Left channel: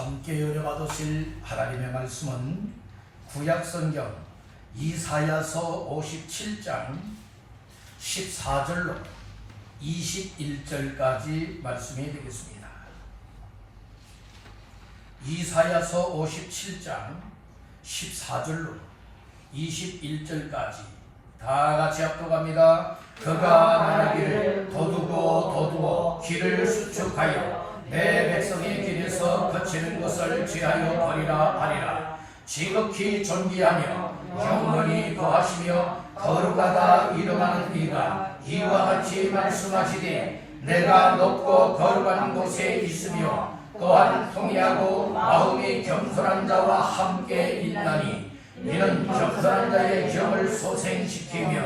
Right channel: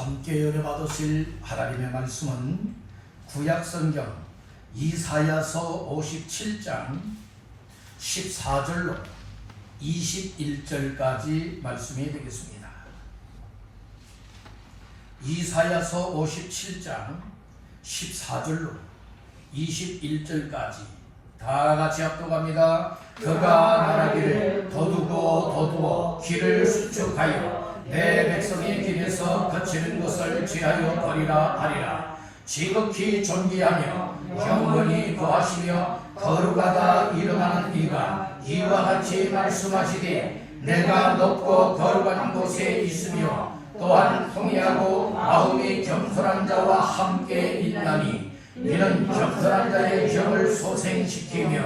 함께 열어받으실 하나님의 말씀은 구약성경 이사야서 57장 14절로 21절까지 말씀이 되겠습니다. 이사야서 57장 14절로 21절까지 다 같이 합독합니다. 그가 말하기를 도두고 길을 수축하여 내 백성의 길에서 거치는 것을 취하여 버리라 하리라. 지극히 존귀하며 영원히 거하시며 거룩하다 이름하는 이가 이와 같이 말씀하시되 내가 높고 거룩한 곳에 있으며 또한 통회하고 마음이 겸손한 자와 함께 있나니 이는 겸손한 자의 영을 소생시키며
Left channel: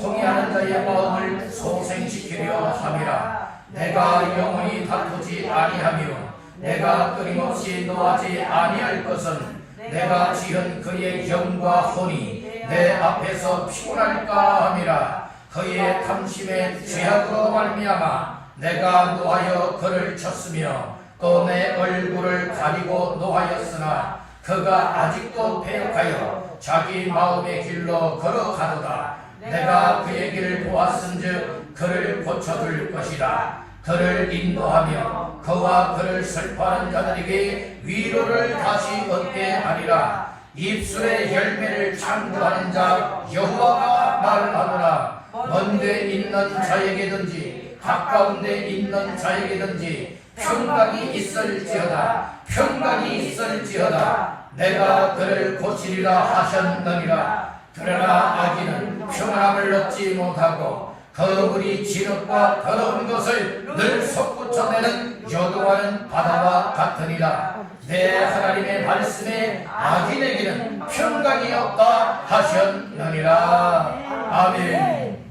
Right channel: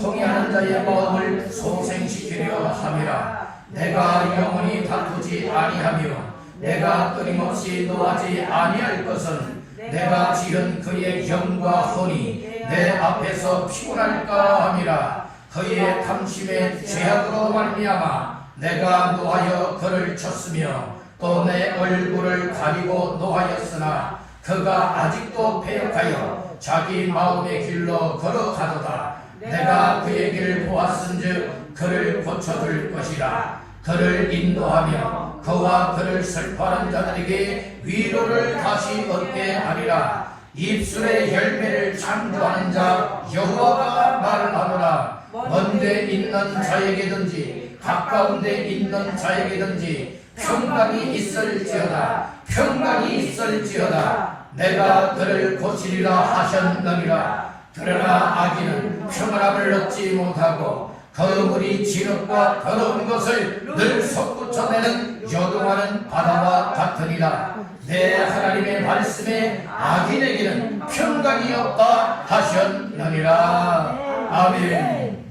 통회하는 자의 마음을 소생시키려 함이라. 내가 영원히 다투지 아니하며 내가 끊임없이 노하지 아니할 것은 내가 지은 그의 영과 혼이 내 앞에서 피곤할까 함이라. 그의 탐심의 죄악으로 말미암아 내가 노하여 그를 쳤으며 또 내 얼굴을 가리고 노하였으나 그가 아직도 패역하여 자기 마음의 길로 걸어가도다. 내가 그의 길을 보았은즉 그를 고쳐줄 것이라. 그를 인도하며 그와 그를 슬퍼하는 자들에게 위로를 다시 얻게 하리라. 입술의 열매를 창조하는 자 여호와가 말하노라. 먼 데 있는 자에게든지 가까운 데 있는 자에게든지 평강이 있을지어다. 평강이 있을지어다. 내가 그를 고치리라 하셨느니라. 그러나 아기는 평안함을 얻지 못하고 거물이 진흙과 더러운 것을 늘 솟구쳐내는 여동하는 바다와 같으니라. 내 하나님의 말씀에 악인에게는 평강이 없다 하셨느니라. 아멘.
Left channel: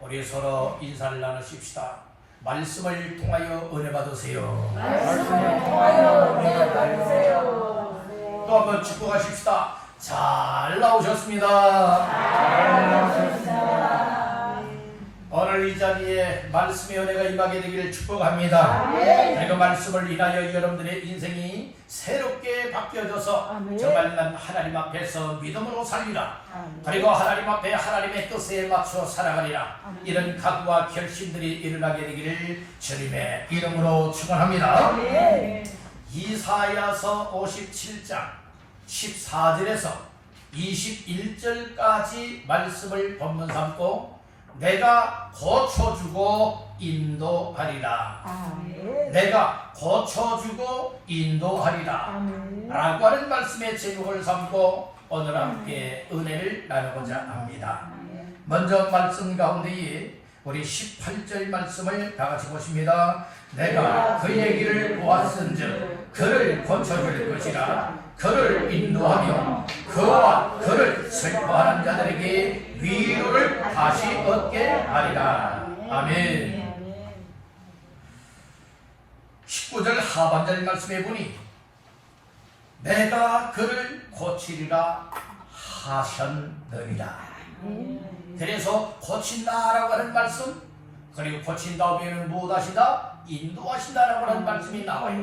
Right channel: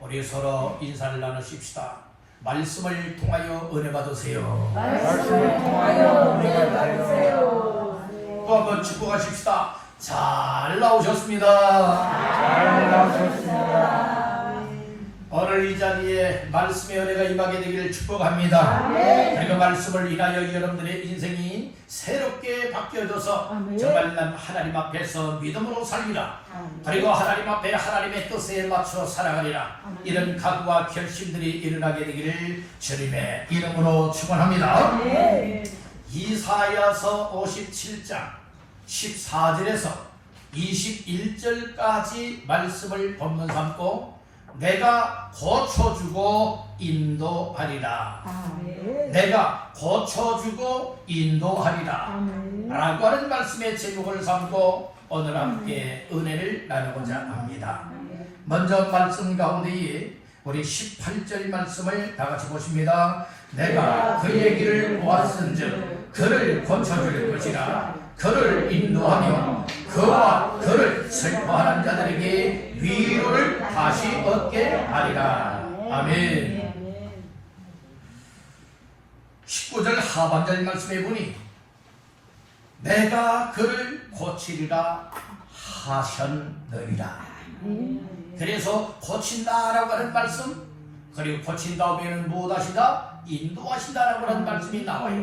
우리 서로 인사를 나누십시다. 말씀을 통하여 은혜 받으세요. 말씀을 통하여 은혜 받으세요. 또 한번 축복하십시다. 잘 나오셨습니다. 잘 나오셨습니다. 오늘 이 자리에 말씀의 은혜가 임하게 되기를 축복합니다. 그리고 말씀을 인하여 여러분들의 인생이 새롭게 바뀌어져서 정말 난 하나님 앞에서 믿음으로 살리라. 그리고 하나님 앞에 하나님의 뜻에 맞춰 살아가리라. 이런 각오와 결심들이 일어나게 되기를 주님의 이름으로 축원합니다. 이사야서 57장 14절에서 21절까지 말씀을 본문 삼고 내가 고쳐주고 인도하리라. 내가 고쳐주고 인도하리라 라고 하는 말씀의 제목을 삼고 오늘 함께 은혜를 나누고자 합니다. 먼저 말씀 가운데에 우리 18절 말씀을 다 같이 보십니다. 내가 그의 길을 보았은즉 그를 고쳐줄 것이라. 그를 인도하며 그와 그를 슬퍼하는 자들에게 위로를 다시 얻게 하리라. 아멘. 19절 하반절 말씀해 보니 내가 그를 고치리라 하셨느니라. 그래서 고친다라고 하는 말씀, 그리고 고친 다음에는 무엇하시다? 인도하신다라고 하는 말씀이 나와요.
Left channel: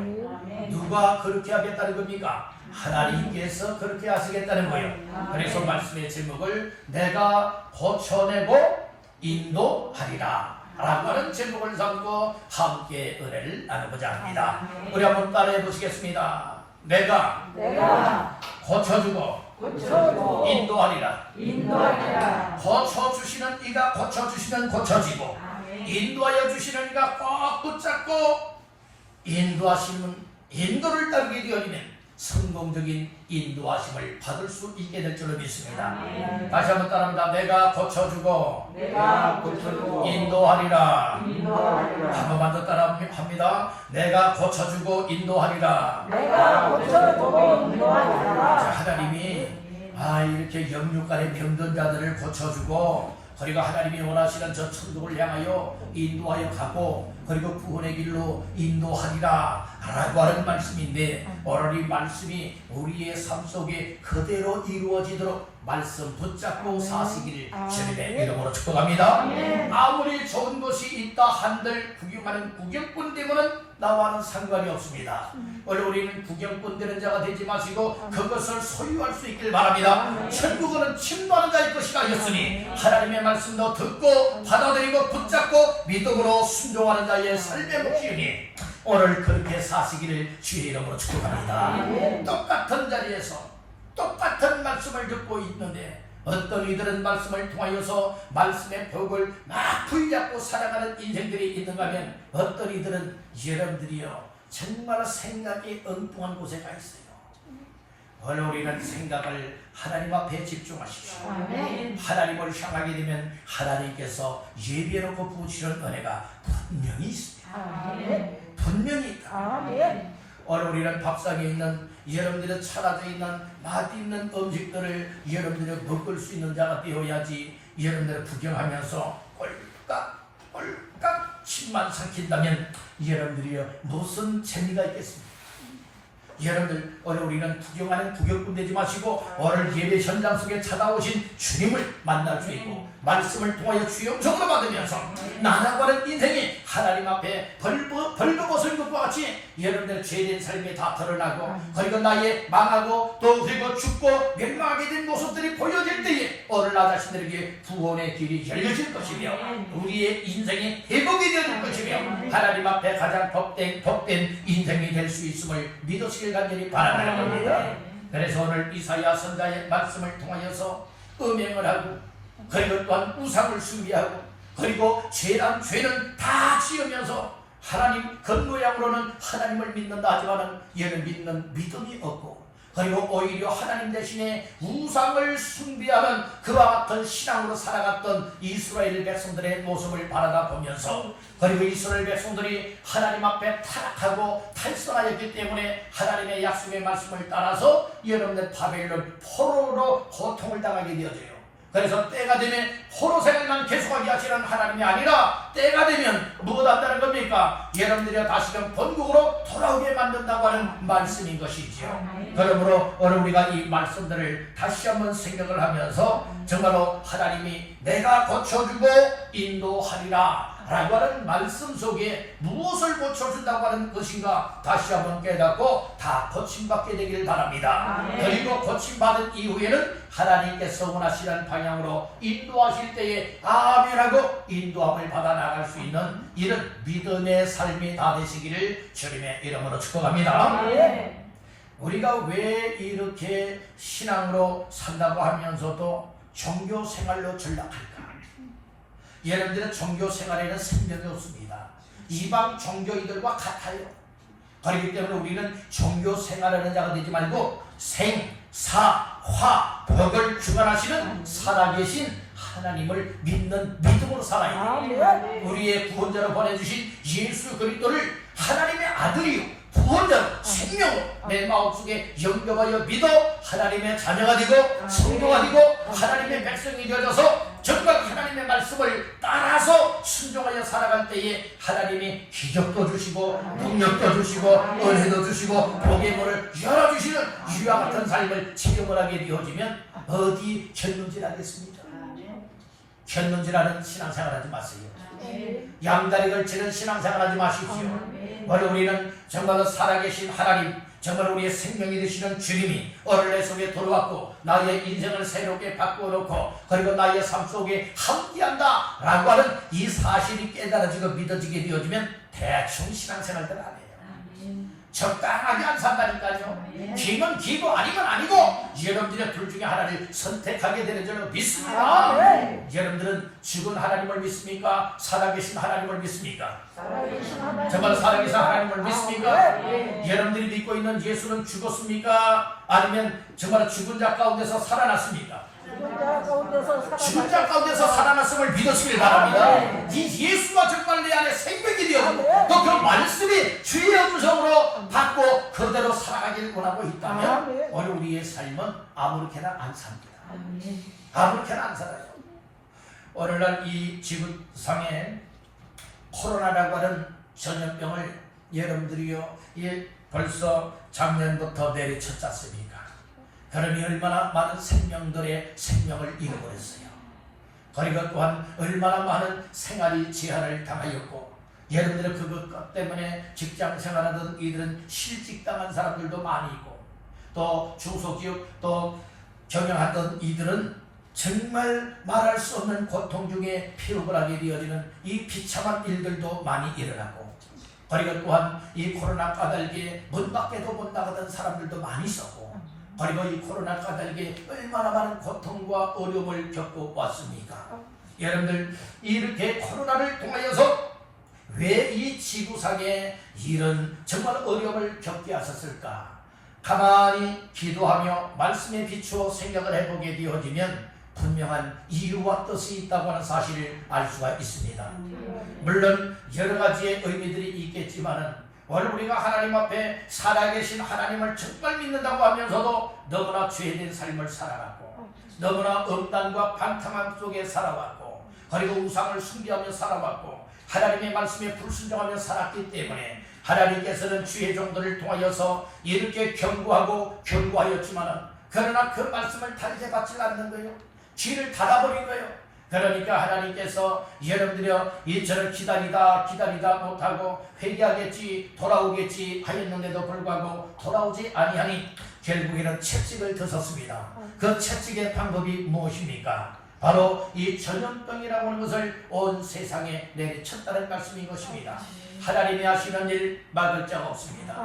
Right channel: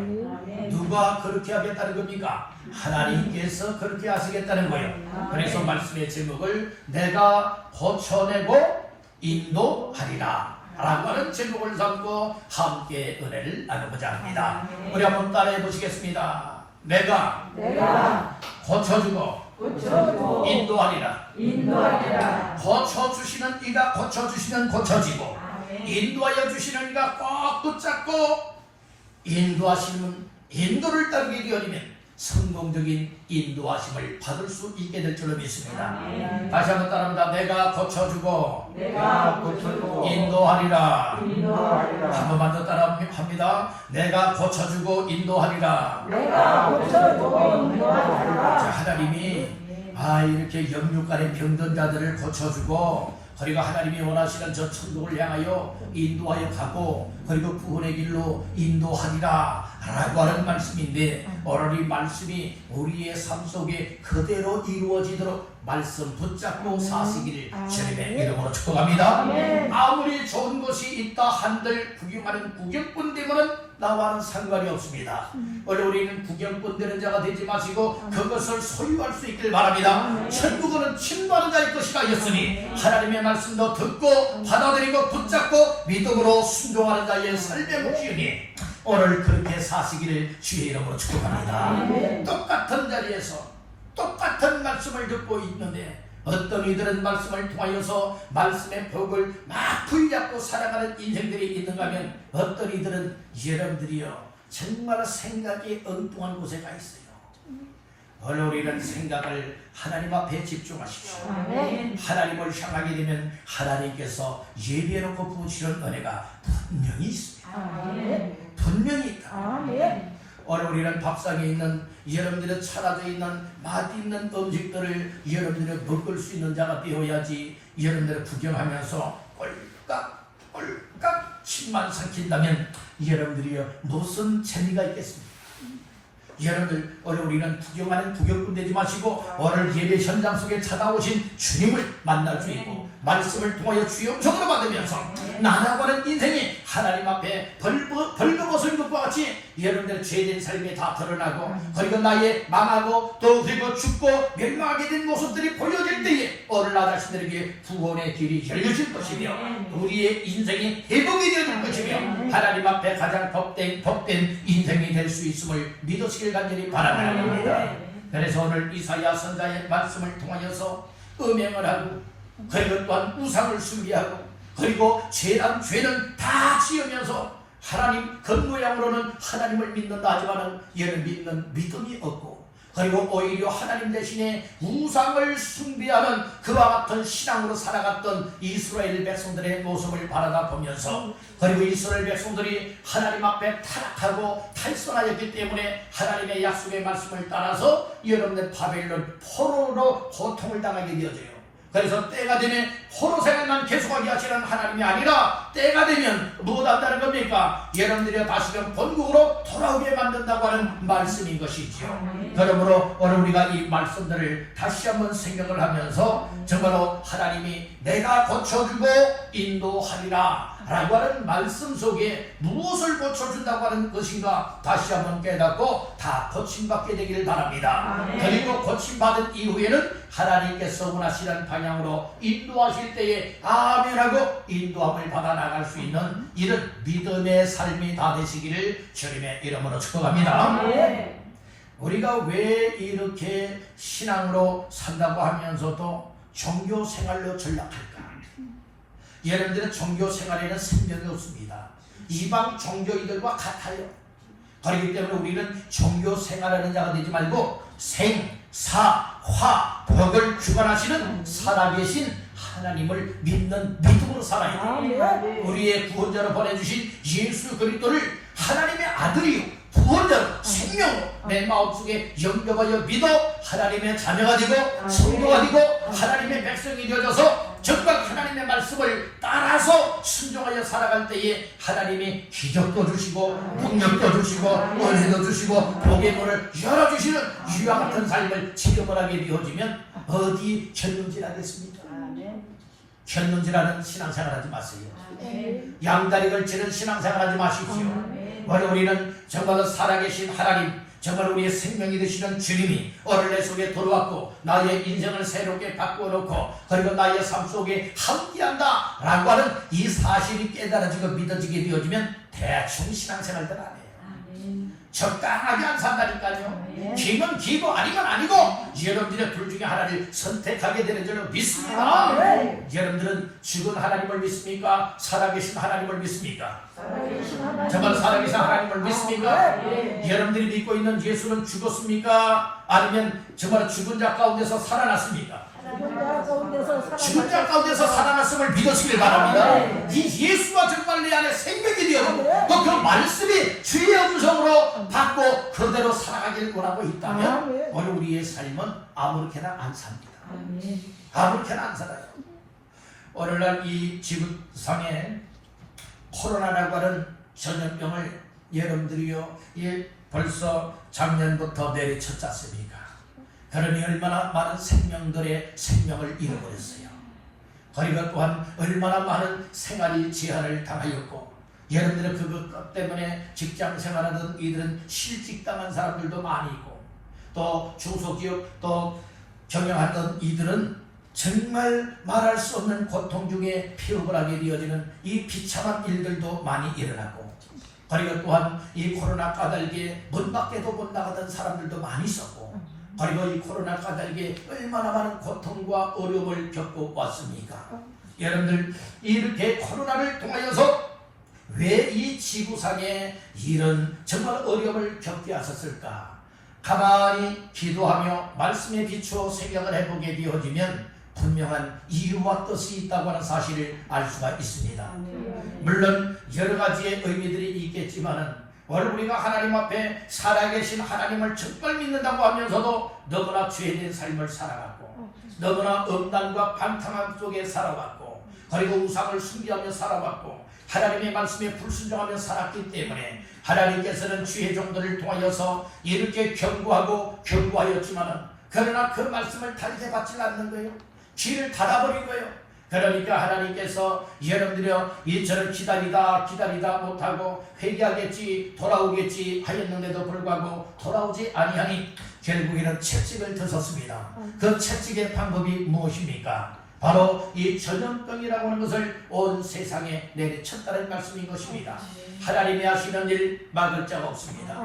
누가 그렇게 하겠다는 겁니까? 하나님께서 그렇게 하시겠다는 거예요. 그래서 말씀의 제목을 내가 고쳐내고 인도하리라 라고 하는 제목을 삼고 함께 은혜를 나누고자 합니다. 우리 한번 따라해 보시겠습니다. 내가 고쳐주고 인도하리라. 고쳐주시는 이가 고쳐주시면 고쳐지고 인도하여 주시는 이가 꼭 붙잡고 인도하시는 인도를 따르게 되어지면 성공적인 인도하심을 받을 수 있게 될 줄로 믿습니다. 다시 한번 따라합니다. 내가 고쳐주고 인도하리라. 한 번만 더 따라합니다. 내가 고쳐주고 인도하리라. 자, 하나님이 이렇게 영육간의 병든 자들을 고쳐주고 그리고 하나님이 원하시는 저 천국을 향하여 인도하여 가고 그리고 구원의 길로 인도하리라 라고 하는 말씀인데 오늘 이 말씀이 우리의 삶 속에 그대로 이루어지도록 말씀 붙잡고 사시기를 주님의 이름으로 축복합니다. 아무리 좋은 것이 있다 한들 구경하는 구경꾼 되면은 나와는 상관이 없습니다. 우리는 구경꾼 되는 자가 되지 마시고 그것을 소유할 수 있길 바랍니다. 천국은 침노하는 자의 것이라 하였으니 하나님의 말씀도 듣고 받아들이고 붙잡고 믿음으로 순종하는 자의 삶의 몫이니 오늘 그렇게 사시기를 주의 이름으로 축복합니다. 똑같은 자리에서 똑같은 말씀을 듣고 있는데 어떤 이들은 말씀을 통하여서 말씀의 벽을 막 붙잡고 살아가는 인생들이 있는가 하면 어떤 이들은 여러분들이요 정말 생각이 엉뚱한 곳에 가 있어요. 오늘 우리는 생각을 하나님 앞에 집중하십시오. 하나님을 향하게 되면 하나님께서 예비해놓고 부으시는 은혜가 분명히 있습니다. 분명히 있다. 오늘 우리는 밥상에 있는 여러분들의 차려져 있는 맛있는 음식들을 여러분들이 먹을 수 있는 자가 되어야지. 여러분들을 구경하면서 꼴깍꼴깍 침만 삼킨다면 여러분들이 무슨 재미가 있겠습니까? 여러분들 오늘 우리는 구경하는 구경꾼 되지 마시고 오늘 예배 현장 속에 찾아오신 주님을 만날 수 있고 말씀을 통하여 주의 음성으로 받으면서 나아가는 인생이 하나님 앞에 벌거벗은 것과 같이 여러분들의 죄된 삶이 다 드러나고 그리고 나의 망하고 또 그리고 죽고 멸망하게 된 모습들이 보여질 때에 오늘 나 자신들에게 구원의 길이 열려질 것이며 우리의 인생이 회복이 되어질 것이며 하나님 앞에 가장 복된 인생이 될 수 있음을 믿으시길 간절히 바랍니다. 그래서 오늘 이사야 선자의 말씀을 통하여서 음행을 하고 그리고 또한 우상을 숭배하고 그리고 죄는 다 지으면서 하나님 겉모양으로는 하나님을 믿는다 하지만은 얘는 믿는 믿음이 없고 그리고 오히려 하나님 대신에 우상을 숭배하는 그와 같은 신앙으로 살아갔던 이스라엘 백성들의 모습을 바라다 보면서 그리고 이스라엘 백성들이 하나님 앞에 타락하고 탈선하였기 때문에 하나님의 약속의 말씀을 따라서 여러분들 바벨론 포로로 고통을 당하게 되어져요. 그래서 때가 되면 포로 생활만 계속하게 하시는 하나님이 아니라 때가 되면 무엇 한다는 겁니까? 여러분들이 다시금 본국으로 돌아오게 만든다고 하는 말씀인 것이지요. 그러므로 오늘 우리가 이 말씀들을 다시 한번 생각을 하면서 정말로 하나님이 내가 고쳐주고 인도하리라 라고 하는 말씀 속에 무엇을 고쳐준다고 하는 것인가 다시 한번 깨닫고 다 고침받게 되기를 바랍니다. 그리고 고침받은 이후에는 하나님께서 원하시는 방향으로 인도하실 때에 아멘하고 인도함을 받아 나갈 수 있는 이런 믿음의 삶이 다 되시기를 주님의 이름으로 축복합니다. 우리가 왜 이렇게 신앙으로 산다고 하면서도 종교 생활로 전락할까? 여러분들은 종교 생활에는 생명이 없습니다. 이방 종교인들과 같아요. 그렇기 때문에 우리는 종교 생활하는 자가 되지 말고 생, 사, 화, 복을 주관하시는 살아계신 하나님을 믿는 믿음으로 살아야 돼요. 우리의 구원자로 보내주신 예수 그리스도를 하나님의 아들이요 구원자로 생명으로 내 마음속에 영접하여 믿어 하나님의 자녀가 되고 성도가 되고 하나님의 백성이 되어져서 정말 하나님의 말씀을 따라서 순종하여 살아갈 때에 하나님이 기적도 주시고 능력도 주시고 은혜도 주시고 복의 문을 열어주시는 이와 같은 삶을 체험을 하게 되어지면 어디 견눈질하겠습니까? 견눈질하는 신앙생활하지 마세요. 양다리 걸치는 신앙생활하지 마십시오. 우리는 정말로 살아계신 하나님 정말 우리의 생명이 되시는 주님이 오늘 내 속에 들어왔고 나의 인생을 새롭게 바꾸어놓고 그리고 나의 삶 속에 함께한다 라고 하는 이 사실이 깨달아지고 믿어지게 되어지면 대충 신앙생활들 안 해요. 적당하게 안 산다니까요. 기면 기고 아니면 아니고 여러분들의 둘 중에 하나를 선택하게 되는 줄로 믿습니다. 여러분들은 죽은 하나님을 믿습니까? 살아계신 하나님을 믿습니까? 정말 살아계신 하나님을 믿습니까? 여러분들이 믿고 있는 예수는 죽었습니까? 아니면 정말 죽은 자 가운데서 살아났습니까? 죽은 자 가운데서 살아났음을 믿으시길 바랍니다. 이 예수가 정말 내 안에 생명이 되었고 또 그 말씀이 주의 음성으로 받고 그대로 살아가기를 원하고 있다면 오늘 우리의 삶은 아무렇게나 안 삽니다. 아무렇게나 안 살아요. 오늘날 이 지구상에 코로나라고 하는 전염병을 여러분들이요 벌써 작년부터 내리쳤지 않습니까? 그러니 얼마나 많은 생명들의 생명을 잃어버렸어요. 그리고 또한 얼마나 많은 생활이 제한을 당하였고, 여러분들은 그것 때문에 직장 생활하던 이들은 실직당한 사람들도 많이 있고, 또 중소기업 또 경영하던 이들은 정말 말할 수 없는 고통 중에 피업을 하게 되어지는 이 비참한 일들도 많이 일어나고, 그리고 또한 이 코로나 까닭에 문 밖에도 못 나가던 사람들도 많이 있었고, 그리고 이 코로나 까닭에 얼마나 많은 고통과 어려움을 겪고 왔습니까? 여러분들, 이렇게 코로나를 통하여서 왜 이 지구상에 이런 정말 어려움을 겪게 하셨을까? 가만히 기도하며 말씀에 비추어 생각을 해보게 되어지면 분명한 이유와 뜻이 있다고 하는 사실을 알 수가 있습니다. 물론 여러 가지의 의미들이 있겠지만은, 오늘 우리가 하나님 앞에 살아계신 하나님을 정말 믿는다고 하면서도 너무나 죄된 삶을 살아갔고, 너무나 음란과 반탕함 속에 살아왔고, 그리고 우상을 숭배하며 살아왔고, 하나님의 말씀에 불순종하며 살았기 때문에 하나님께서는 주의 종들을 통하여서 이렇게 경고하고 경고하였지만은, 그러나 그 말씀을 달게 받지 않는 거예요. 귀를 닫아버린 거예요. 그러니까 하나님께서 여러분들이여 이처럼 기다리다 못하고 회개하겠지 돌아오겠지 하였는데도 불구하고 돌아오지 아니하니 결국에는 채찍을 드셨습니다. 그 채찍의 방법이 무엇입니까? 바로 이 전염병이라고 하는 것을 온 세상에 내리쳤다는 말씀인 것입니다. 하나님이 하시는 일 막을 자가 없습니다.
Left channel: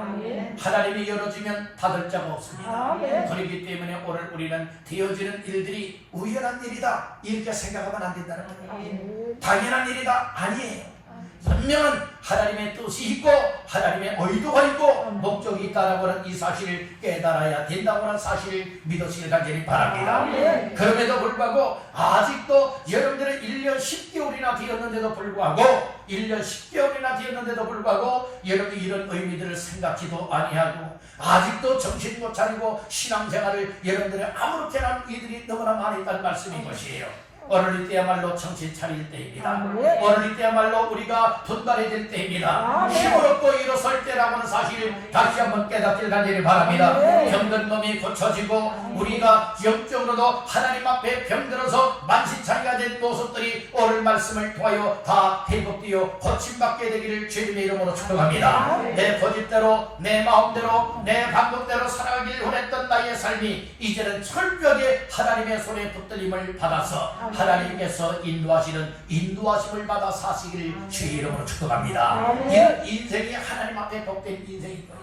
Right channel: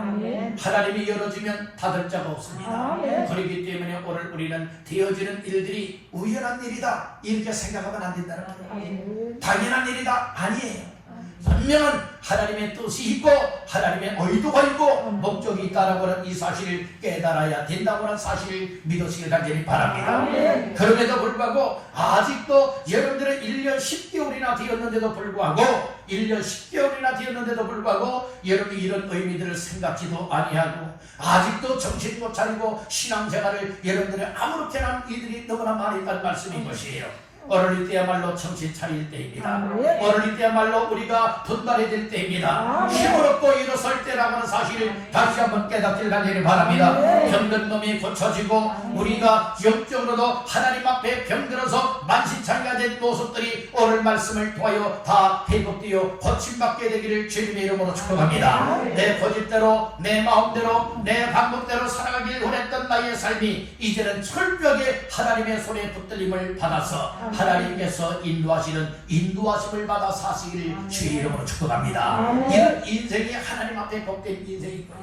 하나님이 열어주면 닫을 자가 없습니다. 그렇기 때문에 오늘 우리는 되어지는 일들이 우연한 일이다 이렇게 생각하면 안 된다는 거예요. 당연한 일이다 아니에요. 분명한 하나님의 뜻이 있고 하나님의 의도가 있고 목적이 있다는 것은 이 사실을 깨달아야 된다고 하는 사실을 믿으시길 간절히 바랍니다. 그럼에도 불구하고 아직도 여러분들은 1년 10개월이나 되었는데도 불구하고 1년 10개월이나 되었는데도 불구하고 여러분이 이런 의미들을 생각지도 아니하고 아직도 정신 못 차리고 신앙생활을 여러분들이 아무렇게나 이들이 너무나 많이 있다는 말씀인 것이에요. 오늘 이때야말로 정신 차릴 때입니다. 오늘 이때야말로 우리가 분발해야 될 때입니다. 힘을 얻고 일어설 때라고 하는 사실을 다시 한번 깨닫길 간절히 바랍니다. 병든 몸이 고쳐지고 우리가 영적으로도 하나님 앞에 병들어서 만신창이가 된 모습들이 오늘 말씀을 통하여 다 회복되어 고침받게 되기를 주님의 이름으로 축복합니다. 내 고집대로 내 마음대로 내 방법대로 살아가길 원했던 나의 삶이 이제는 철저하게 하나님의 손에 붙들림을 받아서 하나님께서 인도하심을 받아 사시기를 주의 이름으로 축복합니다. 이런 인생이 하나님 앞에 복된 인생일 거예요.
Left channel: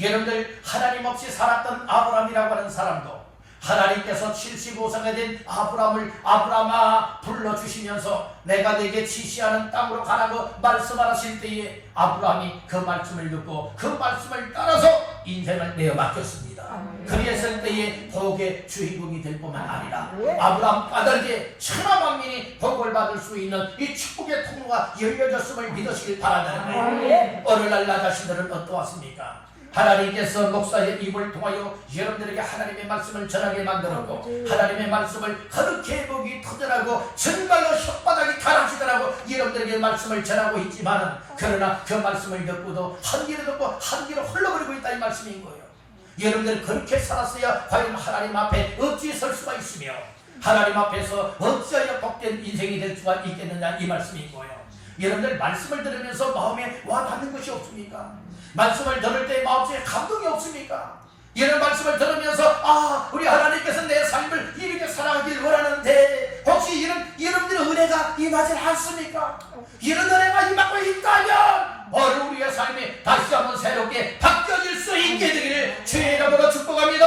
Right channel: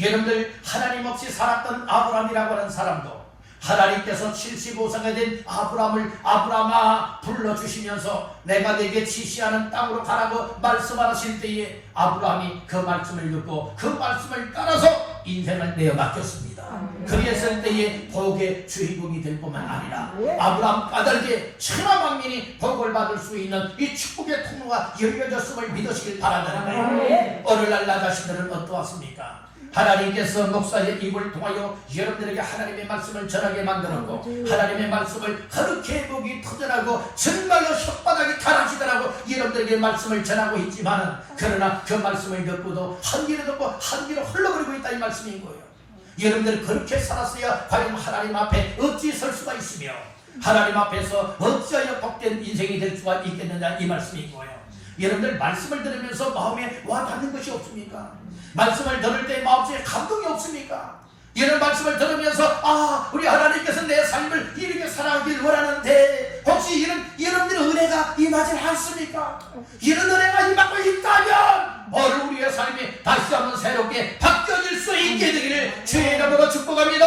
여러분들 하나님 없이 살았던 아브라함이라고 하는 사람도 하나님께서 75세가 된 아브라함아 불러주시면서 내가 내게 지시하는 땅으로 가라고 말씀하실 때에 아브라함이 그 말씀을 듣고 그 말씀을 따라서 인생을 내어 맡겼습니다. 그랬을 때에 복의 주인공이 될 뿐만 아니라 아브라함 까닭에 천하 만민이 복을 받을 수 있는 이 축복의 통로가 열려졌음을 믿으시길 바라는 거예요. 오늘날 나 자신들은 어떠하십니까? 하나님께서 목사의 입을 통하여 여러분들에게 하나님의 말씀을 전하게 만들었고 하나님의 말씀을 그렇게 목이 터져나고 정말로 혓바닥이 가라지더라고 여러분들에게 말씀을 전하고 있지만은 그러나 그 말씀을 듣고도 한 뒤로 듣고 한 뒤로 흘러버리고 있다 이 말씀인 거예요. 여러분들이 그렇게 살았어야 과연 하나님 앞에 어찌 설 수가 있으며 하나님 앞에서 어찌하여 복된 인생이 될 수가 있겠느냐 이 말씀인 거예요. 여러분들 말씀을 들으면서 마음에 와 닿는 것이 없습니까? 말씀을 들을 때 마음속에 감동이 없습니까? 이런 말씀을 들으면서 우리 하나님께서 내 삶을 이렇게 살아가길 원하는데 혹시 여러분들의 은혜가 임하지 않습니까? 이런 은혜가 임하고 있다면 오늘 우리의 삶이 다시 한번 새롭게 바뀌어질 수 있게 되기를 주의 이름으로 축복합니다.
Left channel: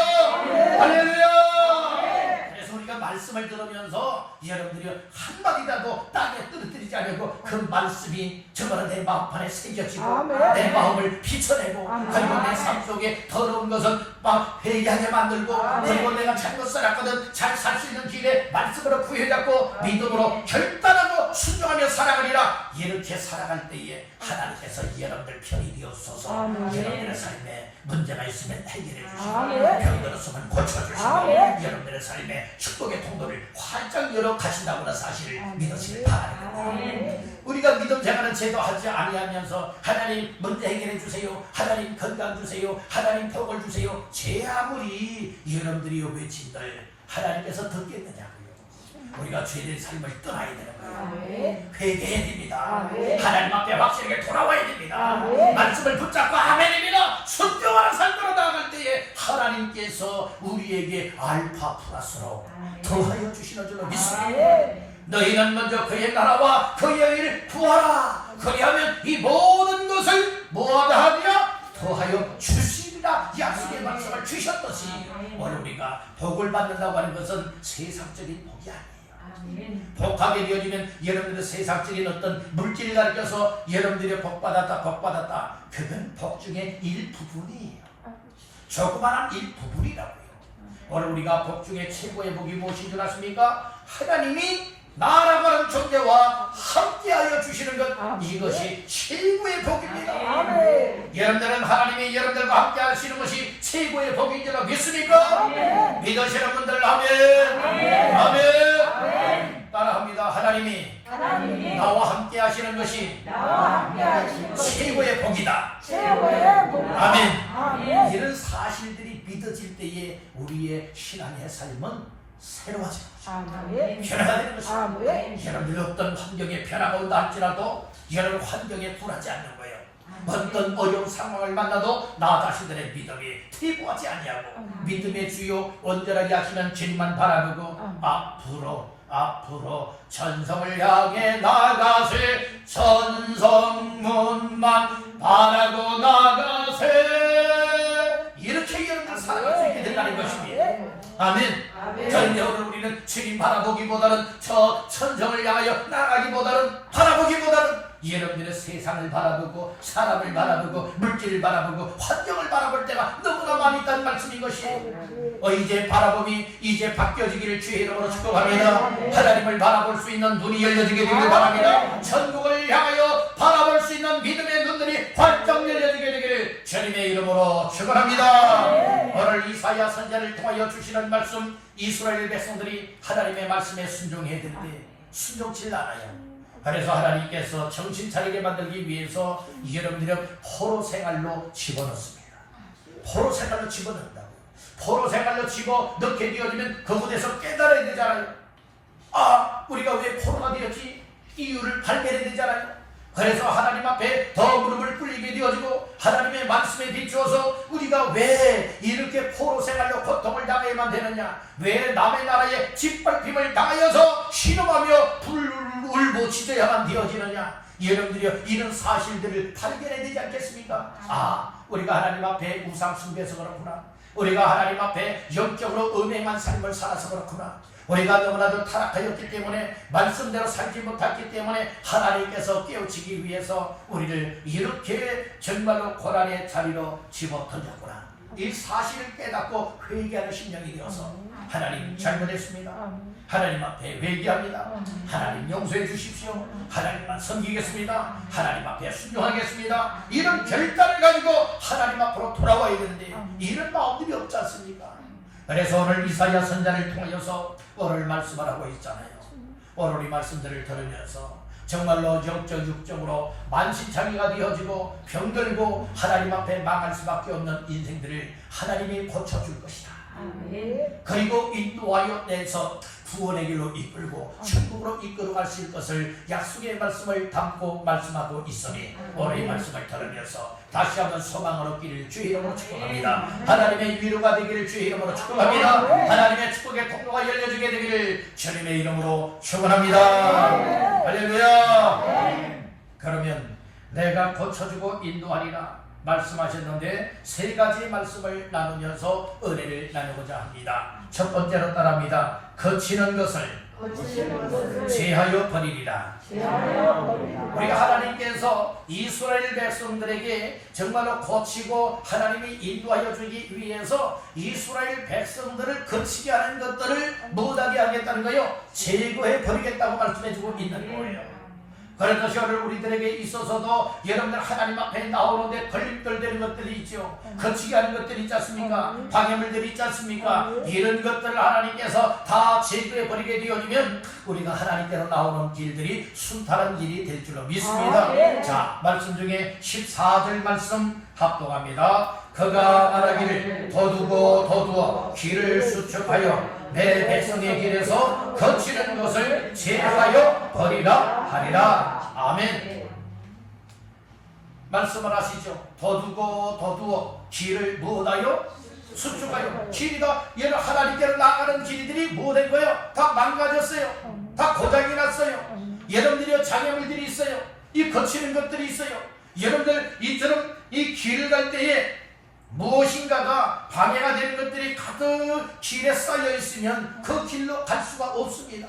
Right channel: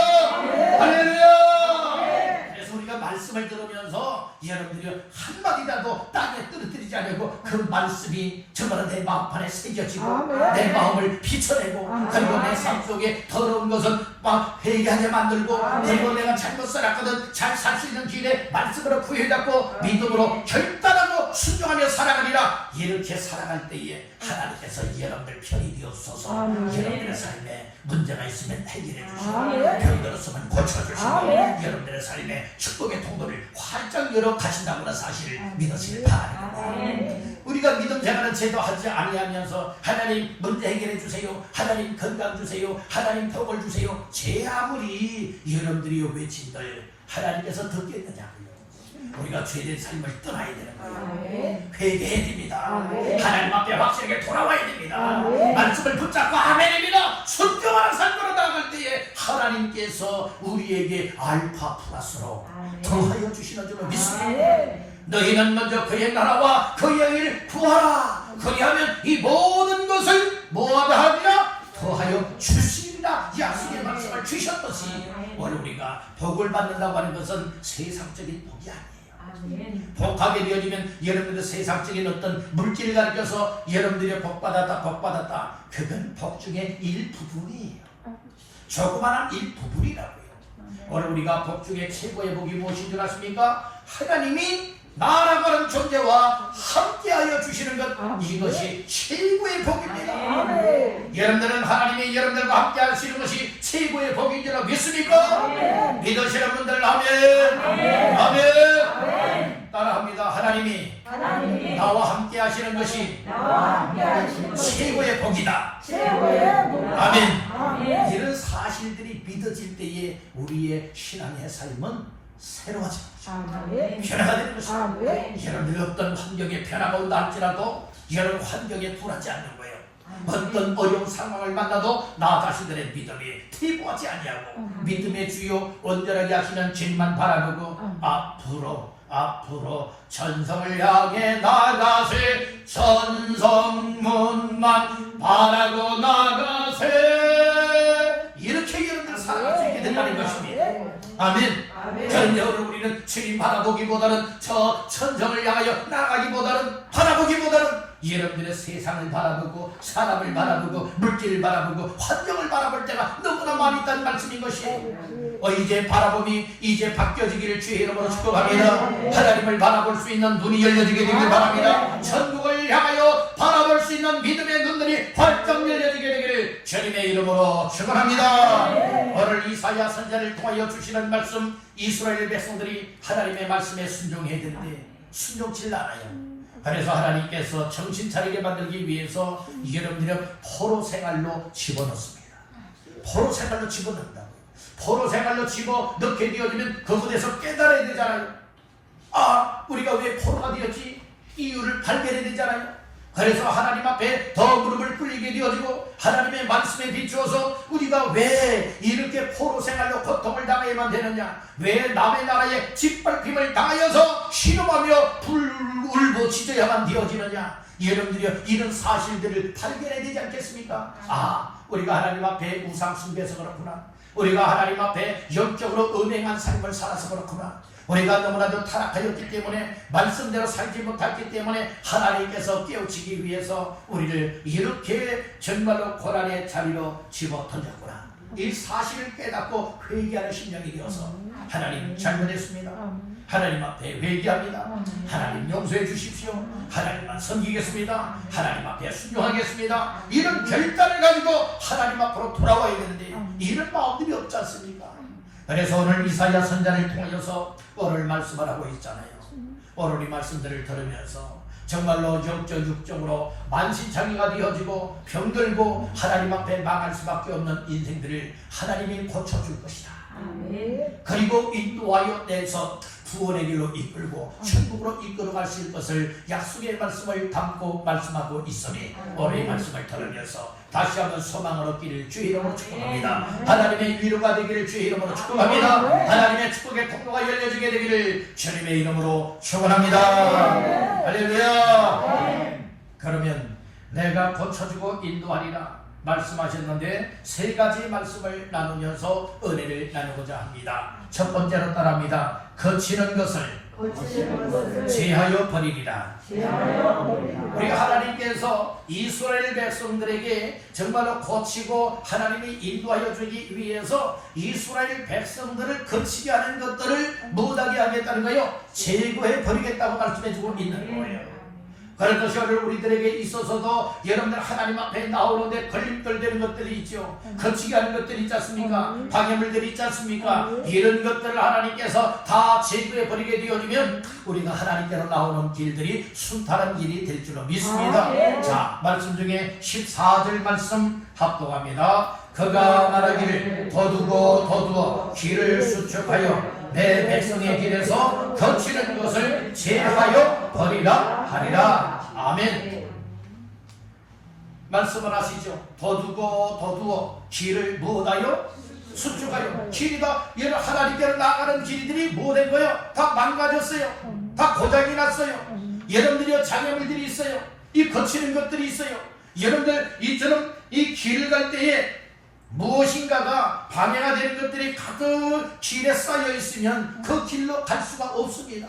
할렐루야. 그래서 우리가 말씀을 들으면서 여러분들이 한마디라도 땅에 떨어뜨리지 않고 그 말씀이 정말 내 마음판에 새겨지고 내 마음을 비춰내고 그리고 내 삶 속에 더러운 것은 막 회개하게 만들고 그리고 내가 잘못 살았거든 잘 살 수 있는 길에 말씀으로 부여잡고 믿음으로 결단하고 순종하며 살아가리라. 이렇게 살아갈 때에 하나님께서 여러분들 편이 되어주소서 여러분들의 삶에 문제가 있으면 해결해 주시고 병들었으면 고쳐주시고 여러분들의 삶에 축복의 통로를 활짝 열어 가신다고 하는 사실을 믿으시길 바랍니다. 우리 우리가 믿음 생활은 제도하지 아니하면서 하나님 문제 해결해 주세요, 하나님 건강 주세요, 하나님 복을 주세요, 제 아무리 여러분들이 외친들 하나님께서 듣겠느냐고요. 우리가 죄된 삶을 떠나야 되는 거예요. 회개해야 됩니다. 하나님 앞에 확실하게 돌아와야 됩니다. 말씀을 붙잡고 아멘입니다. 순종하는 삶으로 나아갈 때에 하나님께서 우리에게 알파 플러스로 더하여 주시는 줄로 믿습니다. 너희는 먼저 그의 나라와 그의 일을 구하라. 그리하면 이 모든 것을 뭐하게 하리라? 더하여 주시리라. 약속의 말씀을 주셨듯이 오늘 우리가 복을 받는다고 하는 것은 세상적인 복이 아니에요. 복하게 되어지면 여러분들의 세상적인 어떤 물질을 가리켜서 여러분들이 복받았다 그건 복 중에 일부분이에요. 조그마한 일부분이라고요. 오늘 우리가 복 중에 최고의 복이 무엇인 줄 아십니까? 하나님이 나라고 하는 존재와 함께하여 주시는 것, 이것이 최고의 복입니다. 여러분들은 하나님이 여러분들과 함께 하시는 것이 최고의 복인 줄 믿습니까? 믿으시는 분들 아멘. 아멘. 따라합니다. 하나님이 나와 함께 하시는 것이 최고의 복이다. 아멘. 이런 사실들이 믿어질 때에 우리의 신앙의 삶은 새로워지는 것입니다. 변화가 되는 것입니다. 여러분들 어떤 환경에 변화가 온다 할지라도 여러분 환경에 굴하지 않는 거예요. 어떤 어려운 상황을 만나도 나 자신들의 믿음이 퇴보하지 아니하고 믿음의 주요 온전하게 하시는 주님만 바라보고 앞으로 전성을 향해 나가세. 전성문만 바라고 나가세. 이렇게 여러분들 살아갈 수 있게 된다는 것입니다. 아멘. 그런데 오늘 우리는 주님 바라보기보다는 저 천성을 향하여 나가기보다는 바라보기보다는 여러분들의 세상을 바라보고 사람을 바라보고 물질을 바라보고 환경을 바라볼 때가 너무나 많이 있다는 말씀인 것이에요. 이제 바라봄이 이제 바뀌어지기를 주의 이름으로 축복합니다. 하나님을 바라볼 수 있는 눈이 열려지게 되기를 바랍니다. 천국을 향하여 바라볼 수 있는 믿음의 눈들이 활짝 열려지게 되기를 주님의 이름으로 축원합니다. 오늘 이사야 선지자를 통하여 주시는 말씀, 이스라엘 백성들이 하나님의 말씀에 순종해야 되는데 순종치 않아요. 그래서 하나님께서 정신 차리게 만들기 위해서 여러분들은 포로 생활로 집어넣습니다. 포로 생활로 집어넣는다고요. 포로 생활로 집어넣게 되어지면 그곳에서 깨달아야 되잖아요. 우리가 왜 포로가 되었지? 이유를 발견해야 되잖아요. 그래서 하나님 앞에 더 무릎을 꿇리게 되어지고 하나님의 말씀에 비추어서 우리가 왜 이렇게 포로 생활로 고통을 당해야만 되느냐, 왜 남의 나라에 짓밟힘을 당하여서 신음하며 울부짖어야만 되어지느냐, 여러분들이 이런 사실들을 발견해야 되지 않겠습니까? 우리가 하나님 앞에 우상 숭배해서 그렇구나, 우리가 하나님 앞에 영적으로 음행한 삶을 살아서 그렇구나, 우리가 너무나도 타락하였기 때문에 말씀대로 살지 못했기 때문에 하나님께서 깨우치기 위해서 우리를 이렇게 정말로 고난의 자리로 집어던졌구나, 이 사실을 깨닫고 회개하는 심령이 되어서 하나님 잘못했습니다, 하나님 앞에 회개합니다, 하나님 용서해 주십시오, 하나님만 섬기겠습니다, 하나님 앞에 순종하겠습니다, 이런 결단을 가지고 하나님 앞으로 돌아와야 되는데 이런 마음들이 없지 않습니까? 그래서 오늘 이사야 선지자를 통하여서 오늘 말씀을 하고 있잖아요. 오늘 이 말씀들을 들으면서 정말로 영적 육정으로 만신창이가 되어지고 병들고 하나님 앞에 망할 수밖에 없는 인생들을 하나님이 고쳐줄 것이다. 그리고 인도하여 내서 구원의 길로 이끌고 천국으로 이끌어갈 수 있을 것을 약속의 말씀을 담고 말씀하고 있으니 오늘 이 말씀을 들으면서 다시 한번 소망을 얻기를 주의 이름으로 축복합니다. 하나님의 위로가 되기를 주의 이름으로 축복합니다. 하나님의 축복의 통로가 열려지게 되기를 주님의 이름으로 축원합니다. 할렐루야. 그러면 내가 고쳐주고 인도하리라 말씀하셨는데 세 가지 말씀을 나누면서 은혜를 나누고자 합니다. 첫 번째로 따라합니다. 거치는 것을 제하여 버리리라. 우리가 하나님께서 이스라엘 백성들에게 정말로 고치고 하나님이 인도하여 주기 위해서 이스라엘 백성들을 거치게 하는 것들을 못하게 하겠다는 거예요. 제거해 버리겠다고 말씀해 주고 있는 거예요. 그런 것이 오늘 우리들에게 있어서도 여러분들 하나님 앞에 나오는데 걸림돌되는 것들이 있죠. 거치게 하는 것들이 있지 않습니까? 방해물들이 있지 않습니까? 이런 것들을 하나님께서 다 제거해 버리게 되어지면 우리가 하나님께로 나오는 길들이 순탄한 길이 될 줄로 믿습니다. 자, 말씀 중에 14절 말씀 합독합니다. 그가 말하기를 더두고 더두어 길을 수축하여 내 백성의 길에서 거치는 것을 제하여 버리라 하리라. 아멘. 말씀을 하시죠. 더두고 더두어 길을 무엇하여 수축하여. 길이 다 여러 하나님께로 나가는 길들이 뭐된 거예요? 다 망가졌어요. 다 고장이 났어요. 여러분들이 장애물들이 있어요. 이 거치는 것들이 있어요. 여러분들 이처럼 이 길을 갈 때에 무엇인가가 방해가 되는 것들이 가득 길에 쌓여 있으면 그 길로 갈 수가 없습니다.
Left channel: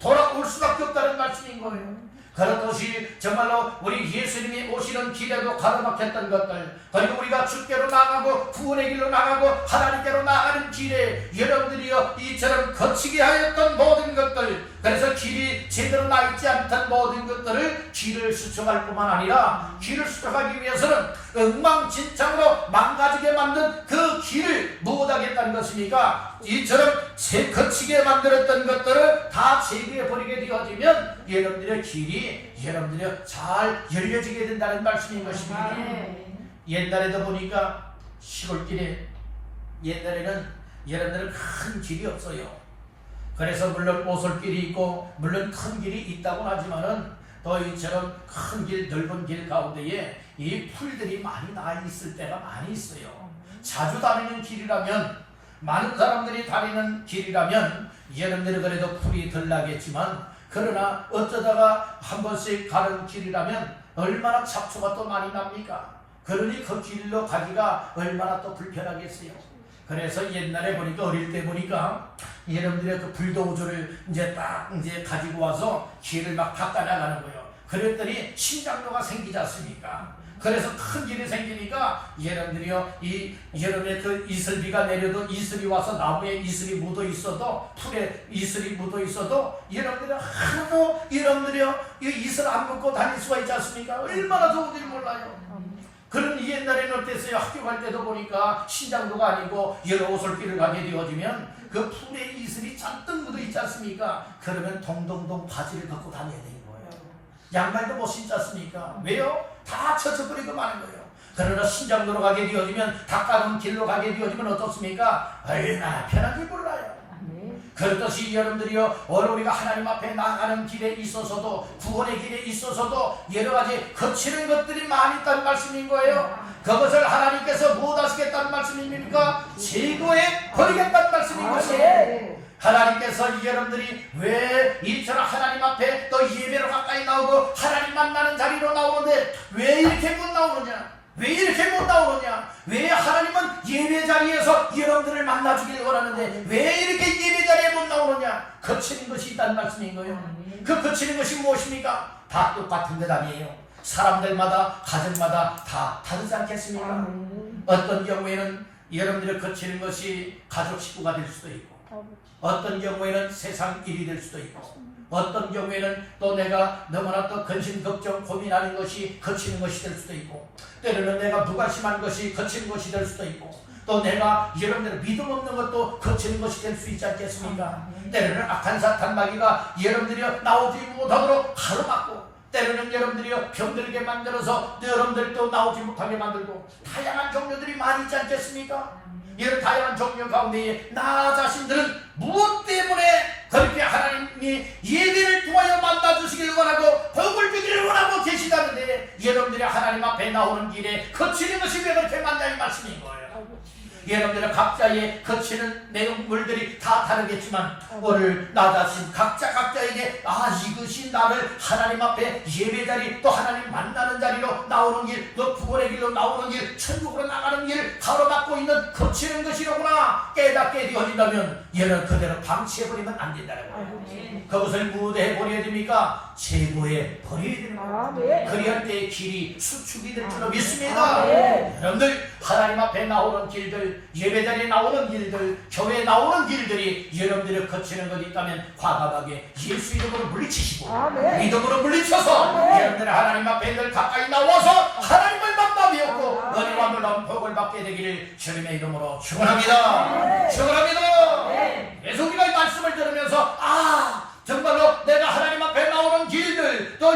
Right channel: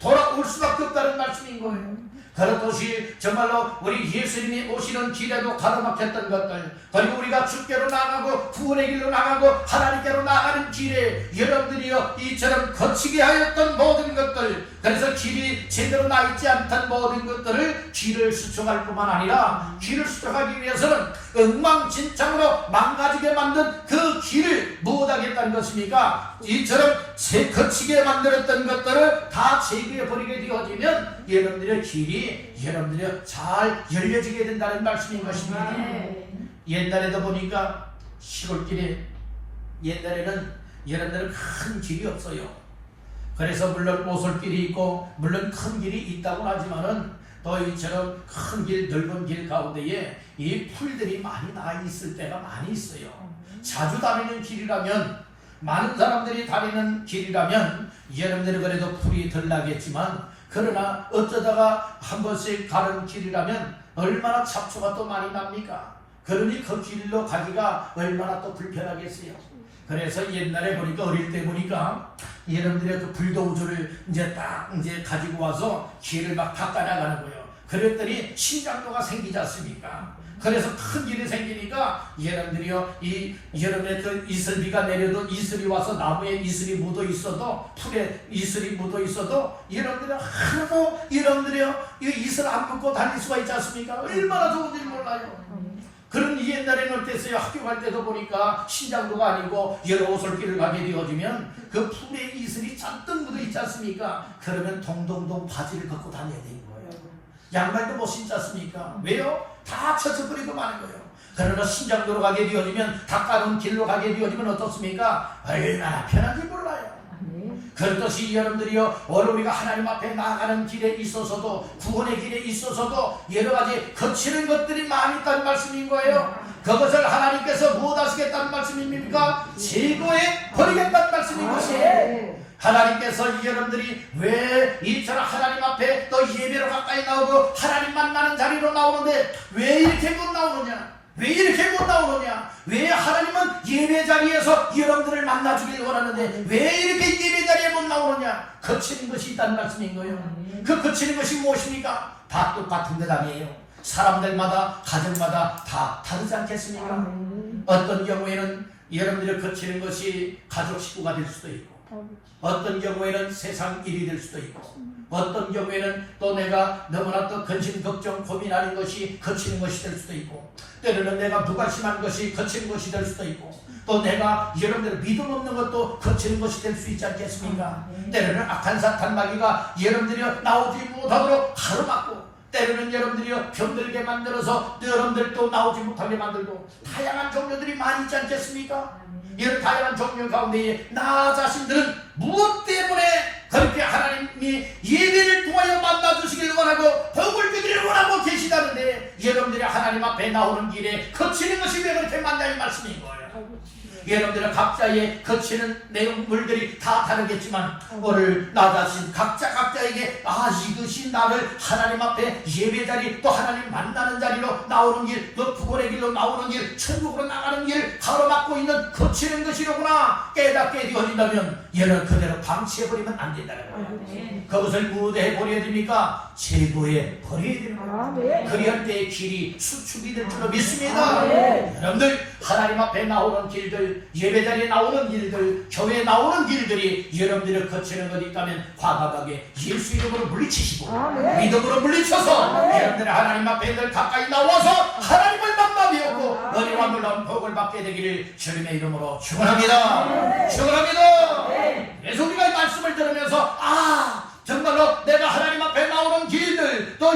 돌아올 수밖에 없다는 말씀인 거예요. 그렇듯이 정말로 우리 예수님이 오시는 길에도 가로막혔던 것들, 그리고 우리가 주께로 나가고 구원의 길로 나가고 하나님께로 나가는 길에 여러분들이요 이처럼 거치게 하였던 모든 것들, 그래서 길이 제대로 나 있지 않던 모든 것들을 길을 수축할 뿐만 아니라 길을 수축하기 위해서는 엉망진창으로 망가지게 만든 그 길을 무엇하겠다는 것입니까? 이처럼 거치게 만들었던 것들을 다 제거해 버리게 되어지면 여러분들의 길이 여러분들이 잘 열려지게 된다는 말씀인 것입니다. 옛날에도 보니까 시골길에 옛날에는 여러분들 큰 길이 없어요. 그래서 물론 오솔길이 있고 물론 큰 길이 있다고 하지만은 또 이처럼 큰 길, 넓은 길 가운데에 이 풀들이 많이 나 있을 때가 많이 있어요. 자주 다니는 길이라면, 많은 사람들이 다니는 길이라면 여러분들이 그래도 풀이 덜 나겠지만, 그러나 어쩌다가 한 번씩 가는 길이라면 얼마나 잡초가 또 많이 납니까? 그러니 그 길로 가기가 얼마나 또 불편하겠어요. 그래서 옛날에 보니까, 어릴 때 보니까 여러분들의 그 불도저를 이제 딱 이제 가지고 와서 길을 막 닦아나가는 거예요. 그랬더니 신장로가 생기지 않습니까? 그래서 큰 길이 생기니까 여러분들이요, 여러분의 그 이슬비가 내려도 이슬이 와서 나무에 이슬이 묻어 있어도, 풀에 이슬이 묻어 있어도 여러분들이 하나도 여러분들이요 이 이슬 안 묻고 다닐 수가 있지 않습니까? 얼마나 좋은지 몰라요. 그런 옛날에는 어땠어요? 학교 갈 때도 보니까 신장도가 아니고 여러 오솔길을 가게 되어지면 그 풀에 이슬이 잔뜩 묻어 있지 않습니까? 그러면 동동동 바지를 벗고 다녀야 되는 거예요. 양말도 못 신지 않습니까? 왜요? 다 쳐쳐버리고 마는 거예요. 그러나 신장도로 가게 되어지면, 닦아놓은 길로 가게 되어지면 어떻습니까? 얼마나 편한지 몰라요. 그렇듯이 여러분들이요, 오늘 우리가 하나님 앞에 나아가는 길에 있어서도, 구원의 길에 있어서도 여러 가지 거치는 것들이 많이 있다는 말씀인 거예요. 그것을 하나님께서 무엇 하시겠다는 말씀입니까? 제거해 버리겠다는 말씀인 것이에요. 하나님께서 여러분들이 왜 이처럼 하나님 앞에 또 예배로 가까이 나오고 하나님 만나는 자리로 나오는데 왜 이렇게 못 나오느냐? 왜 이렇게 못 나오느냐? 왜 하나님은 예배 자리에서 여러분들을 만나주길 원하는데 왜 이렇게 예배 자리에 못 나오느냐? 거치는 것이 있다는 말씀인 거예요. 그 거치는 것이 무엇입니까? 다 똑같은 대답이에요. 사람들마다, 가정마다 다 다르지 않겠습니까? 어떤 경우에는 여러분들이 거치는 것이 가족 식구가 될 수도 있고, 어떤 경우에는 세상 일이 될 수도 있고, 어떤 경우에는 또 내가 너무나 또 근심, 걱정, 고민하는 것이 거치는 것이 될 수도 있고, 때로는 내가 무관심한 것이 거치는 것이 될 수도 있고, 또 내가 여러분들의 믿음 없는 것도 거치는 것이 될 수 있지 않겠습니까? 때로는 악한 사탄 마귀가 여러분들이 나오지 못하도록 가로막고, 때로는 여러분들이 병들게 만들어서 여러분들도 나오지 못하게 만들고, 다양한 종류들이 많이 있지 않겠습니까? 이런 다양한 종류 가운데 나 자신들은 무엇 때문에 그렇게 하나님이 예배를 통하여 만나주시길 원하고 복을 주기를 원하고 계시다는데 여러분들이 하나님 앞에 나오는 길에 거치는 것이 왜 그렇게 많냐 이 말씀인 거예요. 여러분들은 각자의 거치는 내용물들이 다 다르겠지만 오늘 나 자신 각자에게 이것이 나를 하나님 앞에 예배자리, 또 하나님 만나는 자리로 나오는 길, 또 구원의 길로 나오는 길, 천국으로 나가는 길을 가로막고 있는 거치는 것이로구나 깨닫게 되어진다면 얘는 그대로 방치해버리면 안 된다는 거예요. 그것을 무대해 버려야 됩니까? 제거해 버려야 되는 거예요. 그리할 때의 길이 수축이 될 줄로 믿습니다. 여러분들 하나님 앞에 나오는 길들 길들, 예배자리에 나오는 길들, 교회에 나오는 길들이 여러분들이 거치는 것이 있다면 과감하게 예수 이름으로 물리치시고 믿음으로 물리쳐서 여러분들의 하나님 앞에 늘 가까이 나와서 하나님을 만나뵙고 은혜와 놀라운 복을 받게 되기를 주님의 이름으로 축원합니다. 축원합니다. 그래서 우리가 이 말씀을 들으면서 정말로 내가 하나님 앞에 나오는 길들 또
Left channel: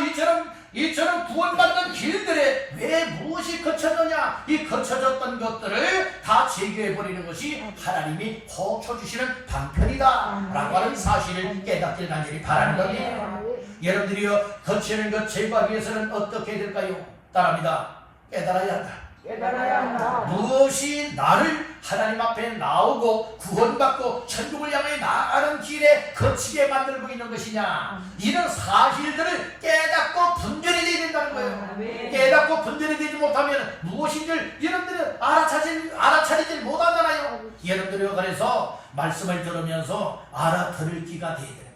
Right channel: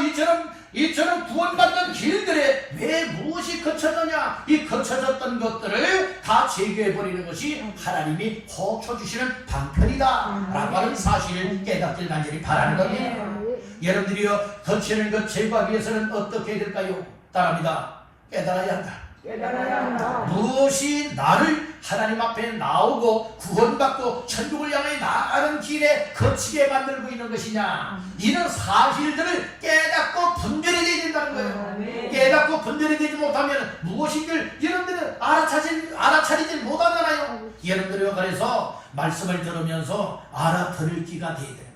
이처럼 구원받는 길들에 왜 무엇이 거쳤느냐, 이 거쳐졌던 것들을 다 제거해버리는 것이 하나님이 고쳐주시는 방편이다 라고 하는 사실을 깨닫길 간절히 바라는 겁니다. 여러분들이요, 거치는 것 제거하기 위해서는 어떻게 해야 될까요? 따라합니다. 깨달아야 한다. 무엇이 나를 하나님 앞에 나오고 구원받고 천국을 향해 나가는 길에 거치게 만들고 있는 것이냐, 이런 사실들을 깨닫고 분별이 되어야 된다는 거예요. 깨닫고 분별이 되지 못하면 무엇인지를 여러분들은 알아차리지 못하잖아요. 여러분들이 그래서 말씀을 들으면서 알아들을 귀가 되어야 돼요.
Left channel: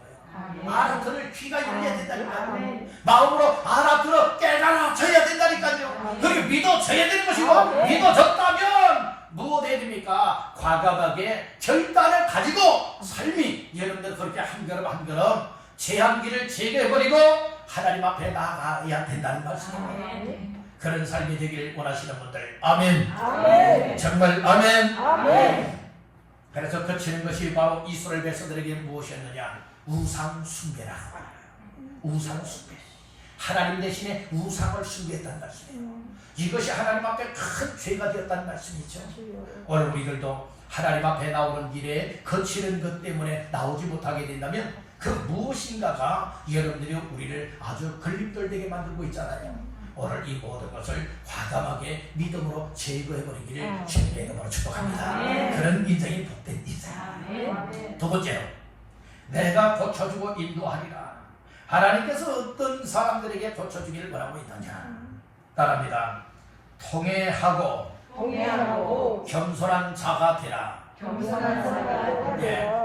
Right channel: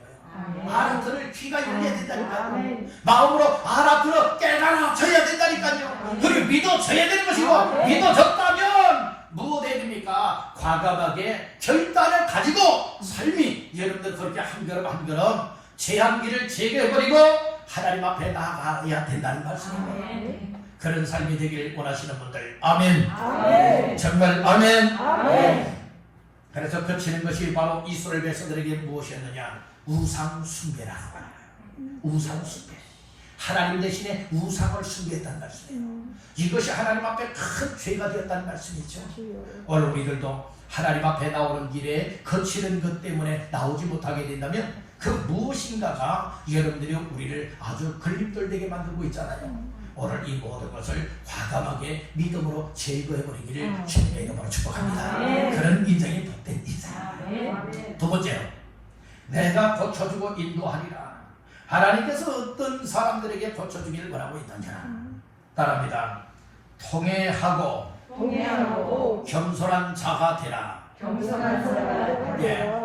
알아들을 귀가 열려야 된다니까요. 마음으로 알아들어 깨달아져야 된다니까요. 그리고 믿어져야 되는 것이고, 믿어졌다면 무엇 해야 됩니까? 과감하게 결단을 가지고 삶이 여러분들 그렇게 한 걸음 한 걸음 제한기를 제거해버리고 하나님 앞에 나가야 된다는 말씀입니다. 그런 삶이 되길 원하시는 분들 아멘. 정말 아멘. 그래서 거치는 것이 바로 이스라엘 백성들에게 무엇이었느냐? 우상 숭배라고 말해요. 우상 숭배. 하나님 대신에 우상을 숭배했다는 말씀이에요. 이것이 하나님 앞에 큰 죄가 되었다는 말씀이죠. 오늘 우리들도 하나님 앞에 나오는 길에 거치는 것 때문에 나오지 못하게 된다면 그 무엇인가가 여러분들이 우리를 아주 걸림돌되게 만들고 있잖아요. 오늘 이 모든 것을 과감하게 믿음으로 제거해버리기를 주님의 이름으로 축복합니다. 그런 인생이 복된 인생. 두 번째로, 내가 고쳐주고 인도하리라. 하나님께서 어떤 사람들에게 고쳐주기를 원하고 있느냐? 따라합니다. 통회하고 겸손한 자가 되라.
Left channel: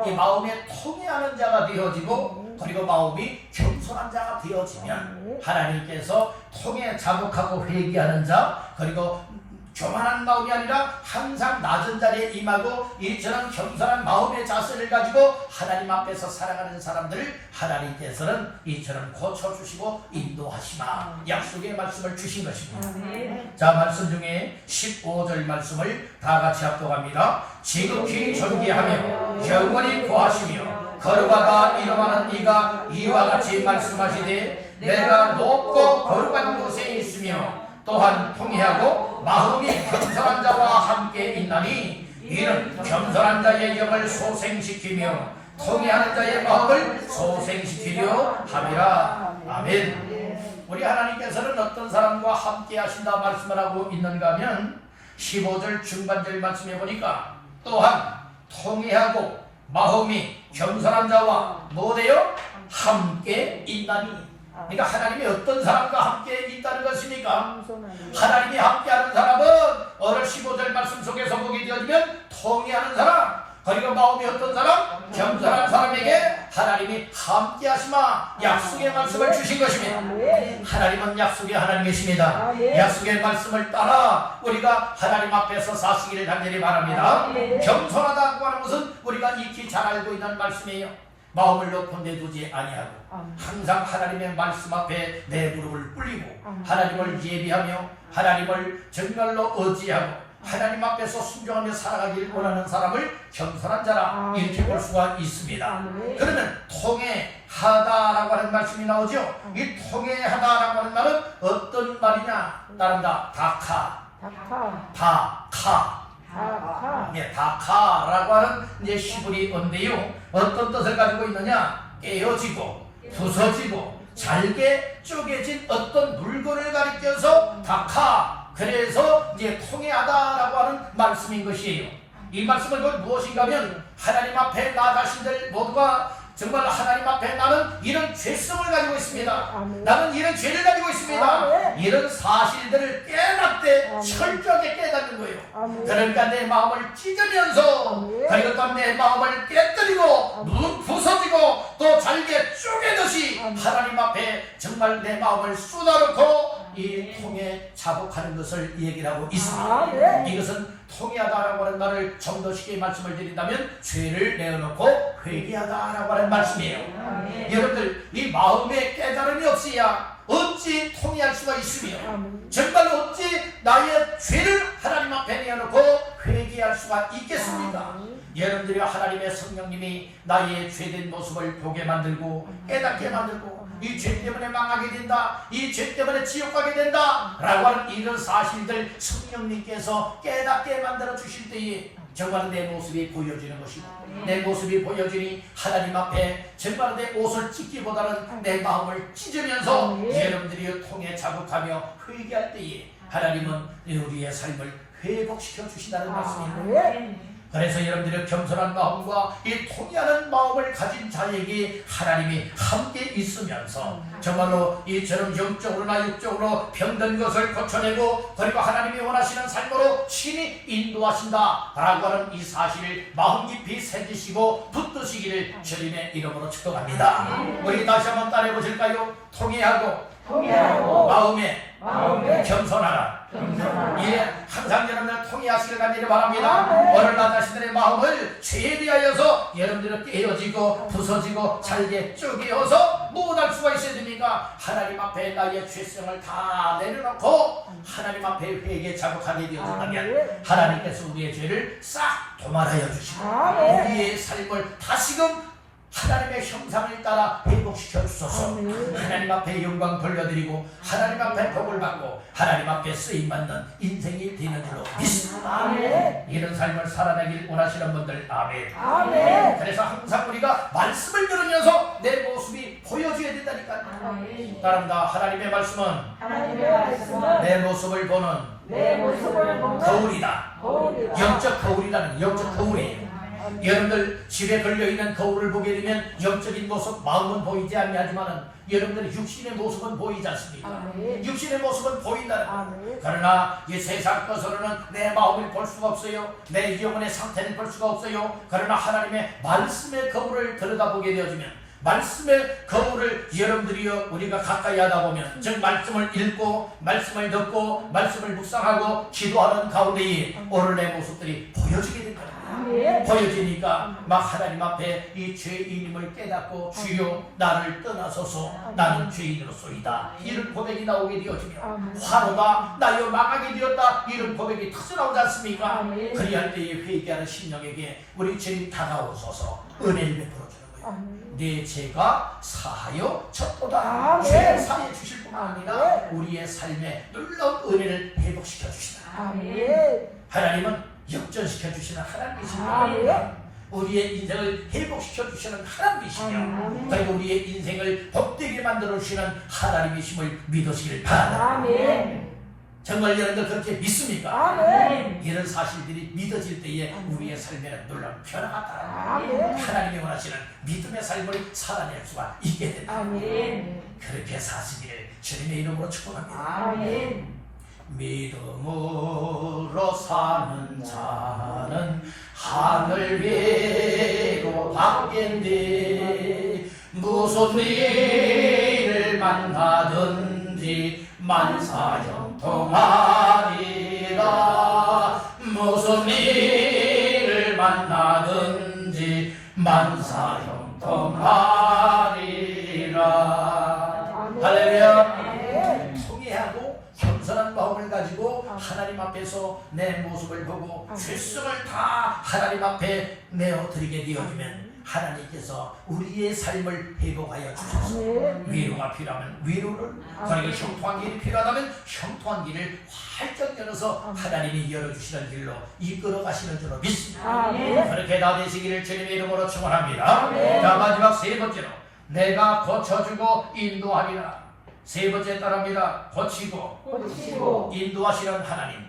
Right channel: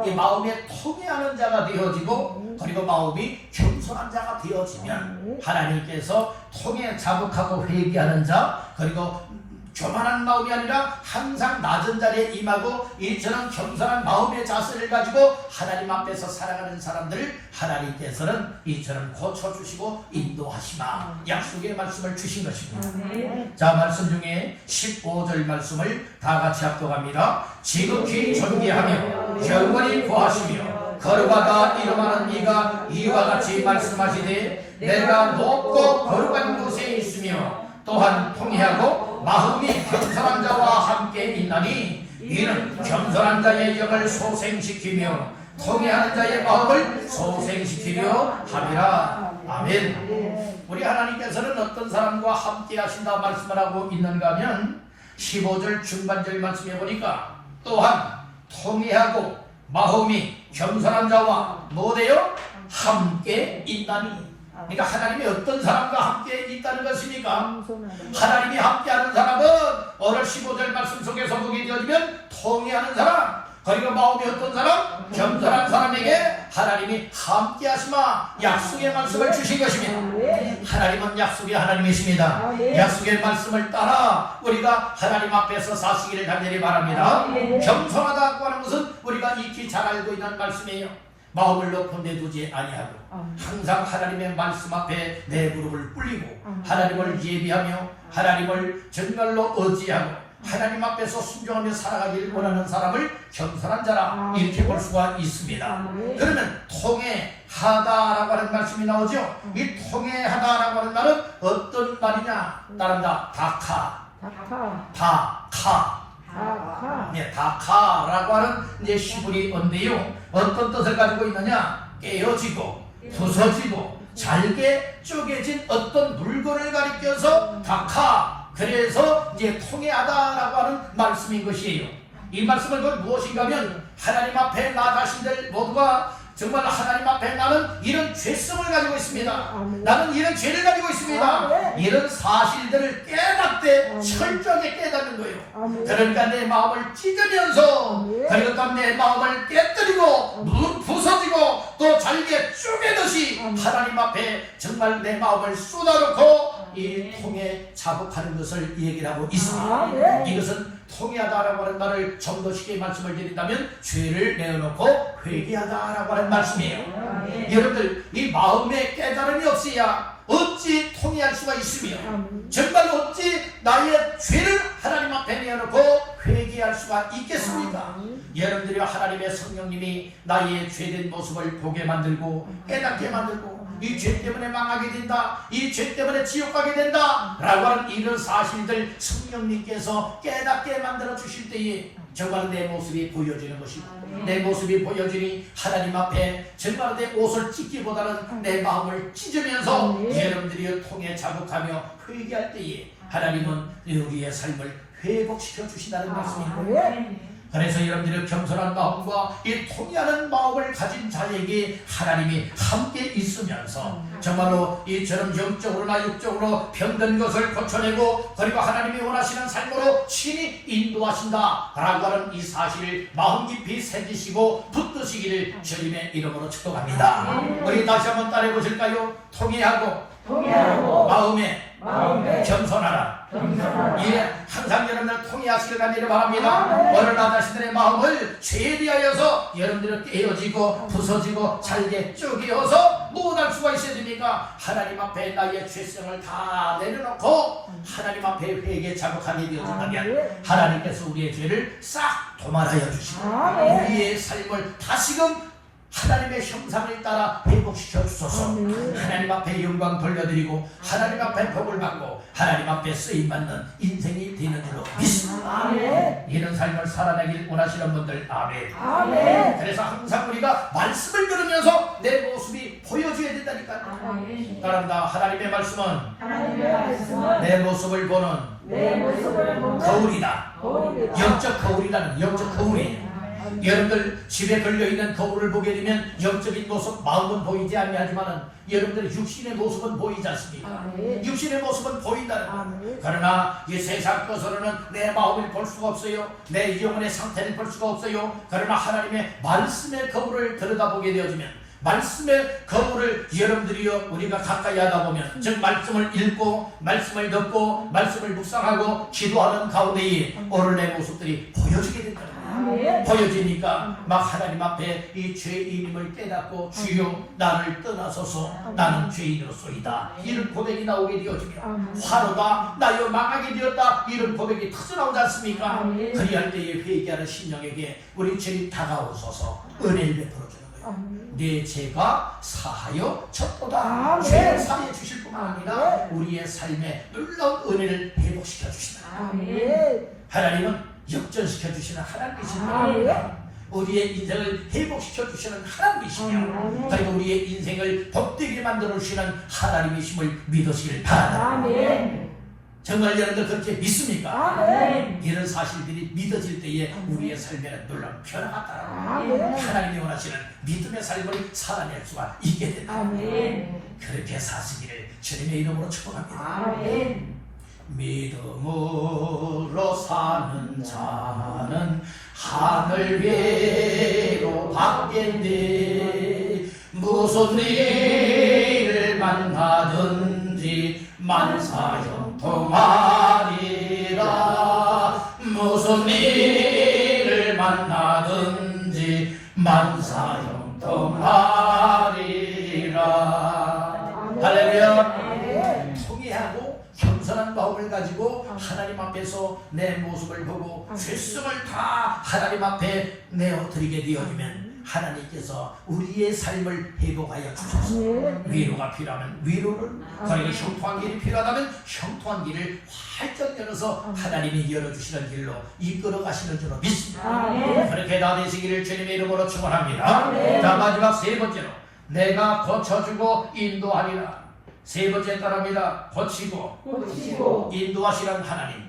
이 마음에 통회하는 자가 되어지고, 그리고 마음이 겸손한 자가 되어지면 하나님께서 통회 자복하고 회개하는 자, 그리고 교만한 마음이 아니라 항상 낮은 자리에 임하고 이처럼 겸손한 마음의 자세를 가지고 하나님 앞에서 살아가는 사람들을 하나님께서는 이처럼 고쳐주시고 인도하시마 약속의 말씀을 주신 것입니다. 자, 말씀 중에 15절 말씀을 다 같이 합독합니다. 지극히 존귀하며 영원히 구하시며 거룩하다 이름하는 이가 이와 같이 말씀하시되, 내가 높고 거룩한 곳에 있으며 또한 통회하고 마음이 겸손한 자와 함께 있나니, 이는 겸손한 자의 영을 소생시키며 통회하는 자의 마음을 소생시키려 함이라. 아멘. 우리 하나님께서는 어떤 사람과 함께 하신다 말씀을 하고 있는가 하면 15절 중반절 말씀해 보니까, 또한 통회하고 마음이 겸손한 자와 뭐래요? 함께 있나니. 그러니까 하나님이 어떤 사람과 함께 있다는 것입니까? 하나님이 함께하는 사람은 오늘 15절 말씀 속에서 보게 되어지면 통회하는 사람, 그리고 마음이 어떤 사람? 겸손한 사람에게 하나님이 함께하시마 약속의 말씀을 주신 것입니다. 하나님은 약속의 하나님이십니다. 약속의 말씀을 따라 우리가 하나님 앞에서 사시기를 간절히 바랍니다. 겸손하다고 하는 것은 우리가 익히 잘 알고 있는 말씀이에요. 마음을 높은 데 두지 아니하고 항상 하나님의 말씀 앞에 내 무릎을 꿇리고 하나님을 예비하며 하나님을 정말로 의지하고 하나님 앞에서 순종하며 살아가기를 원하는 사람을 겸손한 자라 이렇게 볼 수가 있습니다. 그러면 통회하다라고 하는 말씀이 나오죠. 이 통회하다라고 하는 말은 어떤 말이냐? 따른다. 다카라고 하는 이제 히브리어인데요. 어떤 뜻을 가지고 있느냐? 깨어지고 부서지고 잘게 쪼개진 어떤 물건을 가리켜서 다카, 그래서 이제 통회하다라고 하는 말씀인 것이에요. 이 말씀은 무엇인가 하면 하나님 앞에 나가신들 모두가 정말 하나님 앞에 나는 이런 죄성을 가지고 있습니다. 나는 이런 죄를 가지고 있습니다. 이런 사실들을 깨닫되 철저하게 깨닫는 거예요. 그러니까 내 마음을 찢으면서 그러니까 내 마음을 깨뜨리고 눈 부서지고 또 잘게 쪼개듯이 하나님 앞에 정말 내 마음을 쏟아놓고 이 통에 자복하는 것을 얘기를 하고 있습니다. 이것은 통회하다라고 하는 말을 좀 더 쉽게 말씀을 드린다면 죄를 내어놓고 회개하다라고 하는 말씀이에요. 여러분들 이 마음에 깨달음이 없어야 어찌 통회할 수가 있으며 정말 어찌 나의 죄를 하나님 앞에 내어놓고 회개할 수가 있겠습니까? 여러분들이 하나님의 성령님이 나의 죄된 모습을 보게 만들고 깨닫게 만들고 이 죄 때문에 망하게 된다, 이 죄 때문에 지옥 가게 된다 라고 하는 이런 사실들 성령님께서 깨닫게 만들어 주실 때에 정말 내 모습이 보여지는 것이고 내 모습이 보여지니 하나님 앞에 정말 내 옷을 찢기보다는 내 마음을 찢으면서 여러분들이 통해 자복하며 회개할 때에 하나님은 우리의 삶을 회복시켜 주신다는 말씀입니다. 그래서 여러분들의 겸손한 마음과 이 통회하는 마음을 가진 자에게 하나님이 함께 있으면서 정말로 이처럼 영적으로나 육적으로 병든 것을 고쳐내고 그리고 하나님이 원하시는 삶으로 친히 인도하신다 라고 하는 이 사실을 마음 깊이 새기시고 붙드시기를 주님의 이름으로 축복합니다. 우리 다시 한번 따라해 보실까요? 통회하고 마음에 겸손하라. 예, 항상 여러분들 통회하시길 간절히 바랍니다. 오늘 나 자신들의 마음을 죄에 대하여서 여러분들은 깨어지고 부서지고 잘게 쪼개어서 못할 수가 있어야 됩니까? 하나님 앞에 나의 죄성을 다 내려놓고 하나님 앞에 회개 자복하게 되어진다면 하나님께서 우리의 죄를 싹 도말하여 주시고 우리의 삶을 다시금 하나님의 형상을 따라 회복시켜 주소서. 하나님 앞에 영광 돌려드리고 하나님 앞에 복을 받고 하나님 앞에 쓰임받는 인생이 되는 줄로 믿습니다. 이런 삶을 살아내길 원하시는 분들 아멘. 그래서 항상 우리가 말씀을 들으면서 내 모습이 보여줘야 된다니까요. 따릅니다. 하나님의 말씀은 내 모습을 보는 거울이다. 영적 거울이라는 영적 거울이에요. 여러분들 집에 걸려있는 거울을 보게 되면 영적인 모습, 마음은 보이지 아니하지만 여러분들 육신의 모습은 보이지 않습니까? 육신의 모습은 보인다는 그러나 이 세상 것으로는 내 마음을 볼 수가 없어요. 내 영혼의 상태를 볼 수가 없어요. 그러나 하나님의 말씀의 거울을 들여다보게 되어지면 말씀의 거울을 여러분들이 우리가 가까이 하다 보면 즉 말씀을 읽고 말씀을 듣고 말씀을 묵상하고 기도하는 가운데에 오늘 내 모습들이 보여지게 된다. 보여지니까 막 하나님 앞에 이 죄인임을 깨닫고 주여 나를 떠나소서 나는 죄인으로소이다 이런 고백이 나오게 되어지며 화로다 나여 망하게 되었다 이런 고백이 터져나오지 않습니까? 그리할 때에 회개하는 심령에게 우리 주님 다가오소서 은혜를 베풀어주는 거예요. 내 죄가 사하여 졌도다. 죄를 사하여 주실 뿐만 아니라 우리의 삶에 놀라운 은혜를 회복시켜 주시다. 하나님은 역전시켜 주시는 하나님이십니다. 우리의 인생을 회복시켜 주시는 하나님이시며 그리고 우리의 인생을 복되게 만들어 주시는 하나님이심을 믿으시길 바랍니다. 정말 여러분들 그렇게 믿습니까? 이런 사실들이 믿어질 때에 우리의 삶에는 놀라운 변화가 따라 하나님이 원하시는 믿음의 삶을 살아낼 수가 있게 된다. 그렇게 사시기를 주님의 이름으로 축복합니다. 믿음으로 사는 자는 하늘 위로 받겠네. 무슨 일을 만나든지 만사형통하리라. 무슨 일을 만나든지 만사형통하리라. 할렐루야. 통회하고 겸손한 마음을 가지고 하나님 앞에서 내 모습을 보고 죄성을 다 하나님 앞에 내어드리게 되어지면 하나님께서 우리의 삶을 회복하여 주셔서 위로가 필요하면 위로를 그리고 형통한 길이 필요하다면 형통한 길을 활짝 열어서 하나님이 열어주시는 길로 이끌어 가시는 줄로 믿습니다. 그렇게 다 되시기를 주님의 이름으로 축원합니다. 자, 마지막 세 번째로 내가 고쳐주고 인도하리라. 세 번째 따라합니다. 고치고 인도하시는 하나님.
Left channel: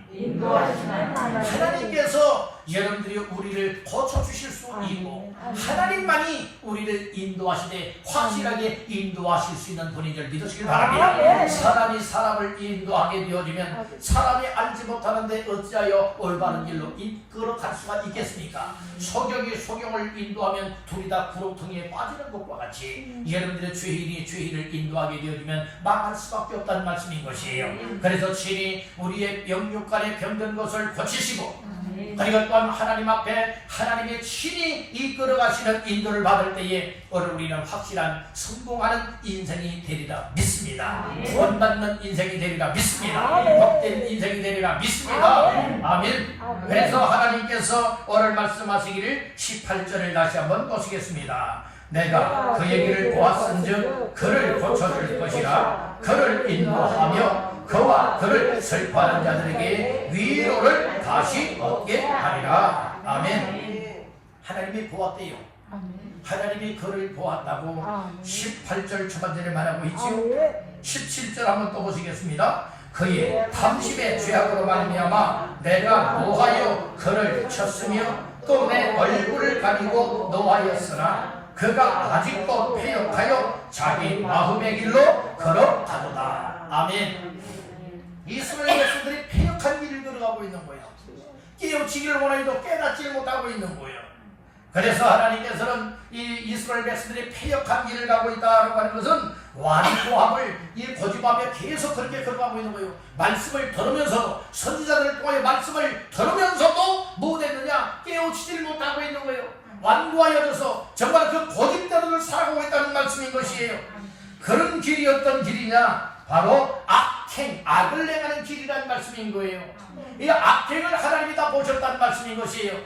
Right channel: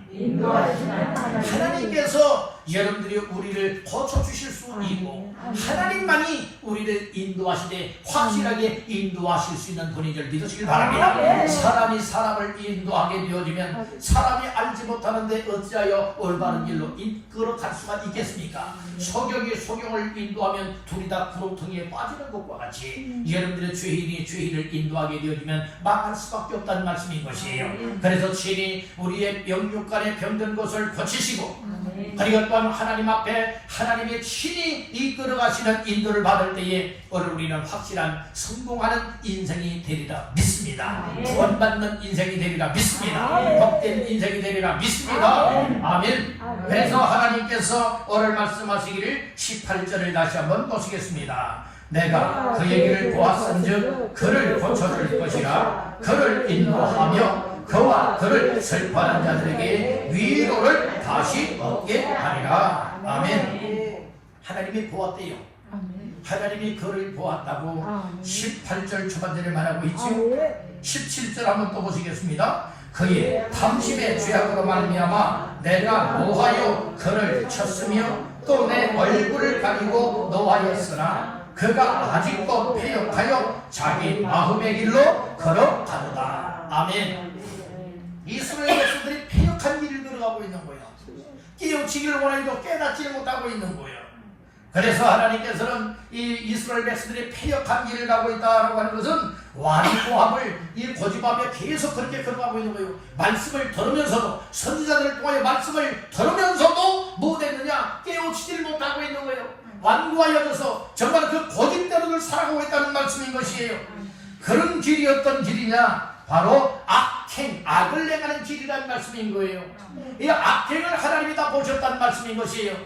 하나님께서 여러분들이 우리를 고쳐주실 수 있고 하나님만이 우리를 인도하시되 확실하게 인도하실 수 있는 분인 줄 믿으시길 바랍니다. 사람이 사람을 인도하게 되어지면 사람이 알지 못하는데 어찌하여 올바른 길로 이끌어갈 수가 있겠습니까? 소경이 소경을 인도하면 둘이 다 구렁텅이에 빠지는 것과 같이 여러분들의 죄인이 죄인을 인도하게 되어지면 망할 수밖에 없다는 말씀인 것이에요. 그래서 친히 우리의 영육간에 병든 것을 고치시고 그리고 또한 하나님 앞에 하나님의 친히 이끌어가시는 인도를 받을 때에 우리는 확실한 성공하는 인생이 되리라 믿습니다. 구원받는 인생이 되리라 믿습니다. 복된 인생이 되리라 믿습니다. 아멘. 그래서 하나님께서 오늘 말씀하시기를 18절을 다시 한번 보시겠습니다. 내가 그의 길을 보았은즉 그를 고쳐줄 것이라. 그를 인도하며 그와 그를 슬퍼하는 자들에게 위로를 다시 얻게 하리라. 아멘. 하나님이 보았대요. 하나님이 그를 보았다고 18절 초반절에 말하고 있지요. 17절 한번 또 보시겠습니다. 그의 탐심의 죄악으로 말미암아 내가 노하여 그를 쳤으며 또 내 얼굴을 가리고 노하였으나 그가 아직도 패역하여 자기 마음의 길로 걸어가도다. 아멘. 이스라엘 백성들이 패역한 길을 걸어가고 있는 거예요. 깨우치기를 원하여도 깨닫지 못하고 있는 거예요. 그래서 하나님께서는 이 이스라엘 백성들이 패역한 길을 가고 있다고 하는 것은 완고함을 이 고집하며 계속 그렇게 걸어가고 있는 거예요. 말씀을 들으면서도 선지자들을 통하여 말씀을 들으면서도 못했느냐 깨우치지를 못하고 있는 거예요. 완고하여져서 정말 그 고집대로를 살아가고 있다는 말씀인 것이에요. 그런 길이 어떤 길이냐? 바로 악행, 악을 행하는 길이라는 말씀인 거예요. 이 악행을 하나님이 다 보셨다는 말씀인 것이에요.